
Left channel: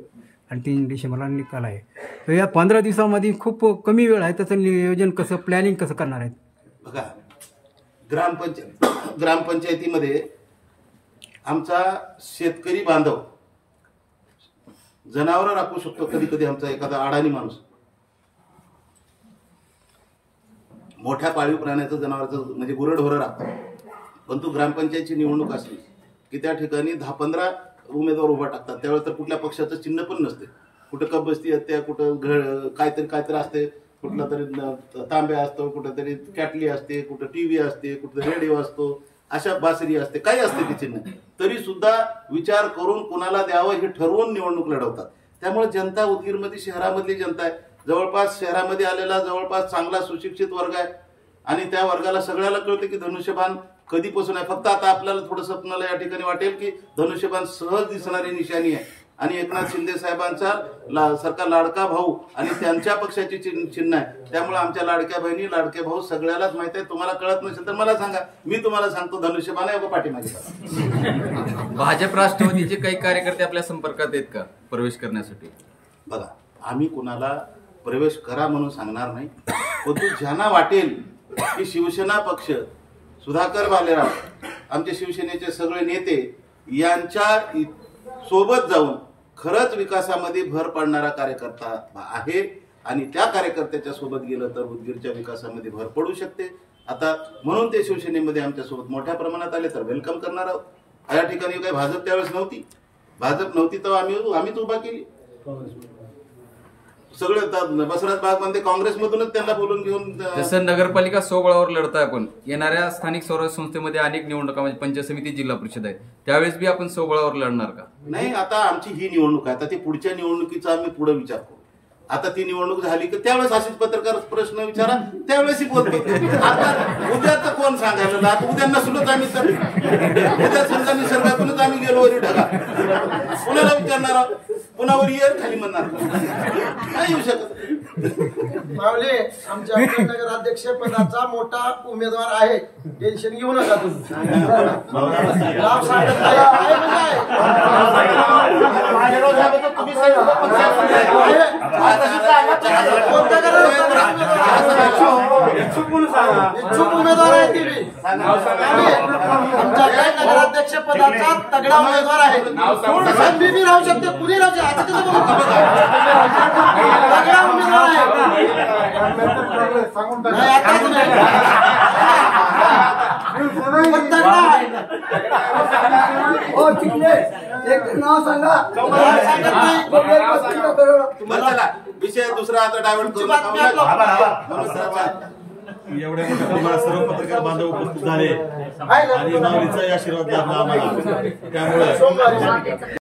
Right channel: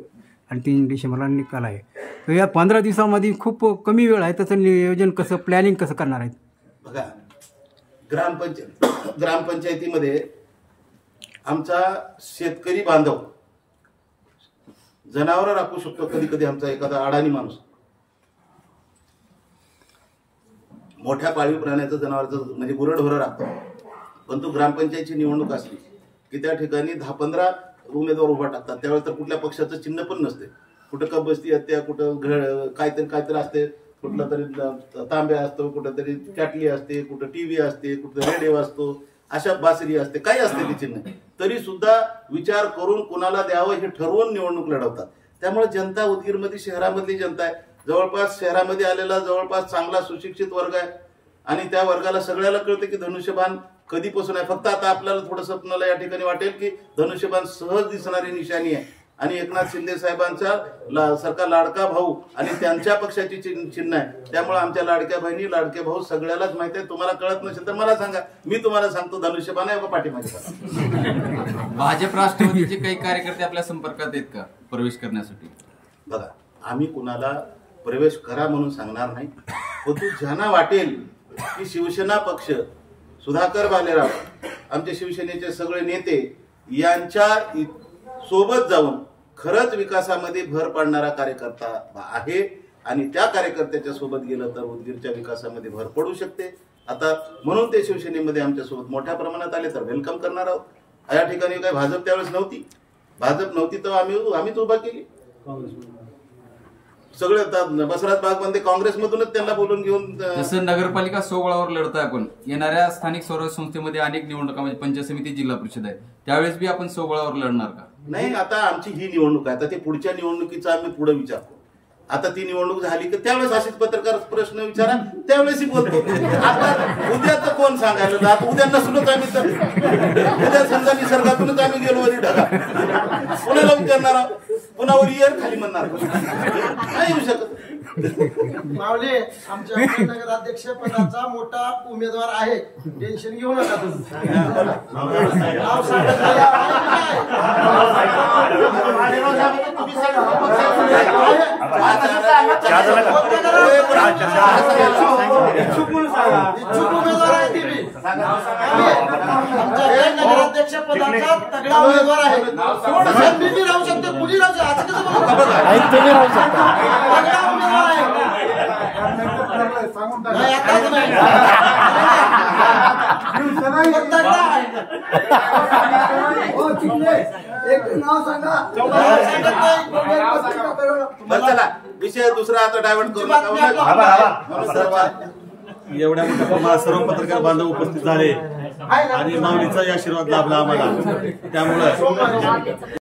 आणि 3 डिसेंबरला निकाल आहे. तर या 15 दिवसामध्ये खूप कमी वेळ आहे, त्याचं नियोजन कसं, प्लॅनिंग कसं करणार आहेत? बघा, ग्रामपंचायतीमध्ये आमचा शेतकरी बांधव जनावरं राखू शकतो, कधी कधी आमचा एखादा अडाणी माणूस मोठ्या पाळीव प्राण्याचं जनावरांचं म्हणजे गुरंढोरं राखतो. पण तो ग्रामपंचायतची निवडणूक असली की त्या ठिकाणी 10-15 उमेदवार उभा टाकतात. त्यावेळेस तर कुठल्या पक्षाचं चिन्ह पण नसते. कुठं कबस्ती असते, कुठं काहीतरी असते, कुठला तरी तांबे असतो, कुठंतरी कॅटली असते, कुठं TV असते, कुठं रेडिओ असतो, अशा बासरी असते, काही असते ते चिन्ह. तरी सुद्धा विचार करून कुणाला द्यावं हे ठरवून निवडणूक लढवतात. त्यामुळे जनता उदगीरमध्ये शहरामधली जनता आहे, जवळपास शहरामध्ये आलेला जवळपास चांगला सुशिक्षित वर्ग आहे आणि त्या वर्गाला सगळ्याला कळतं की धनुष्यबाण कधीपासून आहे. फक्त आता आपल्याला थोडं स्वप्नाला या ठिकाणी वाटेल की धनुष्यबाण सहज दिसणारी निशाणी आहे आणि एकनाथ शिंदे साहेबांचा सरकार लाडका भाऊ आणि त्यांच्या पक्षाची चिन्ह आहे. त्यामुळे आमच्या लाडक्या बहिणी लाडके भाऊ सगळ्यालाच माहिती आहे. तुम्हाला कळत नसेल तर मला सांगा, मी तुम्हाला सांगतो धनुष्यबाण आहे का पाठीमागे. भाजप राष्ट्रवादीचे काही कार्यकर्ते आपल्या संपर्कात आहेत का प्रवेश करण्यासाठी? बघा, आम्ही कुणाला प्रवेश करा म्हणून सांगणार नाही, परंतु ज्यांना वाटेल की शिवसेना पक्ष, सुधाकर भालेराव, आमचे शिवसेनेचे सगळे नेते यांच्या सोबत जाऊन खरंच विकासामध्ये भर पाडणारा कार्यकर्ता आहे आणि त्या कार्यकर्त्याच्या सोबत गेलं तर उदगीरच्या विकासामध्ये भर पडू शकते. आता म्हणून ते शिवसेनेमध्ये आमच्या सोबत मोठ्या प्रमाणात आले तर वेलकम करणार आहोत. या ठिकाणी काही भाजप त्यावेळेस नव्हती, भाजप नव्हती तर आम्हीच उभा केली. सगळे बसवराज बागमध्ये काँग्रेसमधूनच त्यांना बोलून घेऊन. जसं नगरपालिका सोबळावर लढताय आपण, येणाऱ्या स्थानिक स्वराज्य संस्थेमध्ये अनेक निवडणुका म्हणजे पंचायत समिती, जिल्हा परिषद आहे, त्यावेळेस बी आपण सोबळावर लढणार का? नाही, आता आमची ही निवडणूक आहे. आता ते पुढच्या निवडणुकीचा आम्ही पुढे विचार करू. आता ती निवडणूक झाली की त्यावेळेस अशीच पत्रकार प्रश्न विचारा, त्यावेळेसही बोलतो. आता उद्याच कोण सांगायला, आता उद्या नसलोच आम्ही तर उद्या समजा निसर्गातूनच आम्ही गेलो वरी ढगा, कोणाला विचारणार आहोत? पुन्हा वर इयर खाली म्हणणार नाही येऊ शकत. मावले, आमच्या नगराध्यक्ष पदाचा मोठा उमेदवार आहे, टेन्शन घेऊ नका तुम्ही. इच्छुक उमेदवार आहे ती आमच्या नगराध्यक्ष पदाचा तगडा उमेदवार आहे. मी राहू शकते, कुणी राहू शकते, असं कसं बोलतो? तगडा उमेदवार आहे. नाही, आताच नाही. तगडा आहे. एक नाव सांगा. चला, विषय दुसरा आता डायव्हर्ट करू नका. एवढ्या मोठ्या प्रमाणात सर्व पत्रकार बांधव उपस्थित झाले आणि माऊलीचाही आशीर्वाद लाभला आम्हाला. त्यामुळे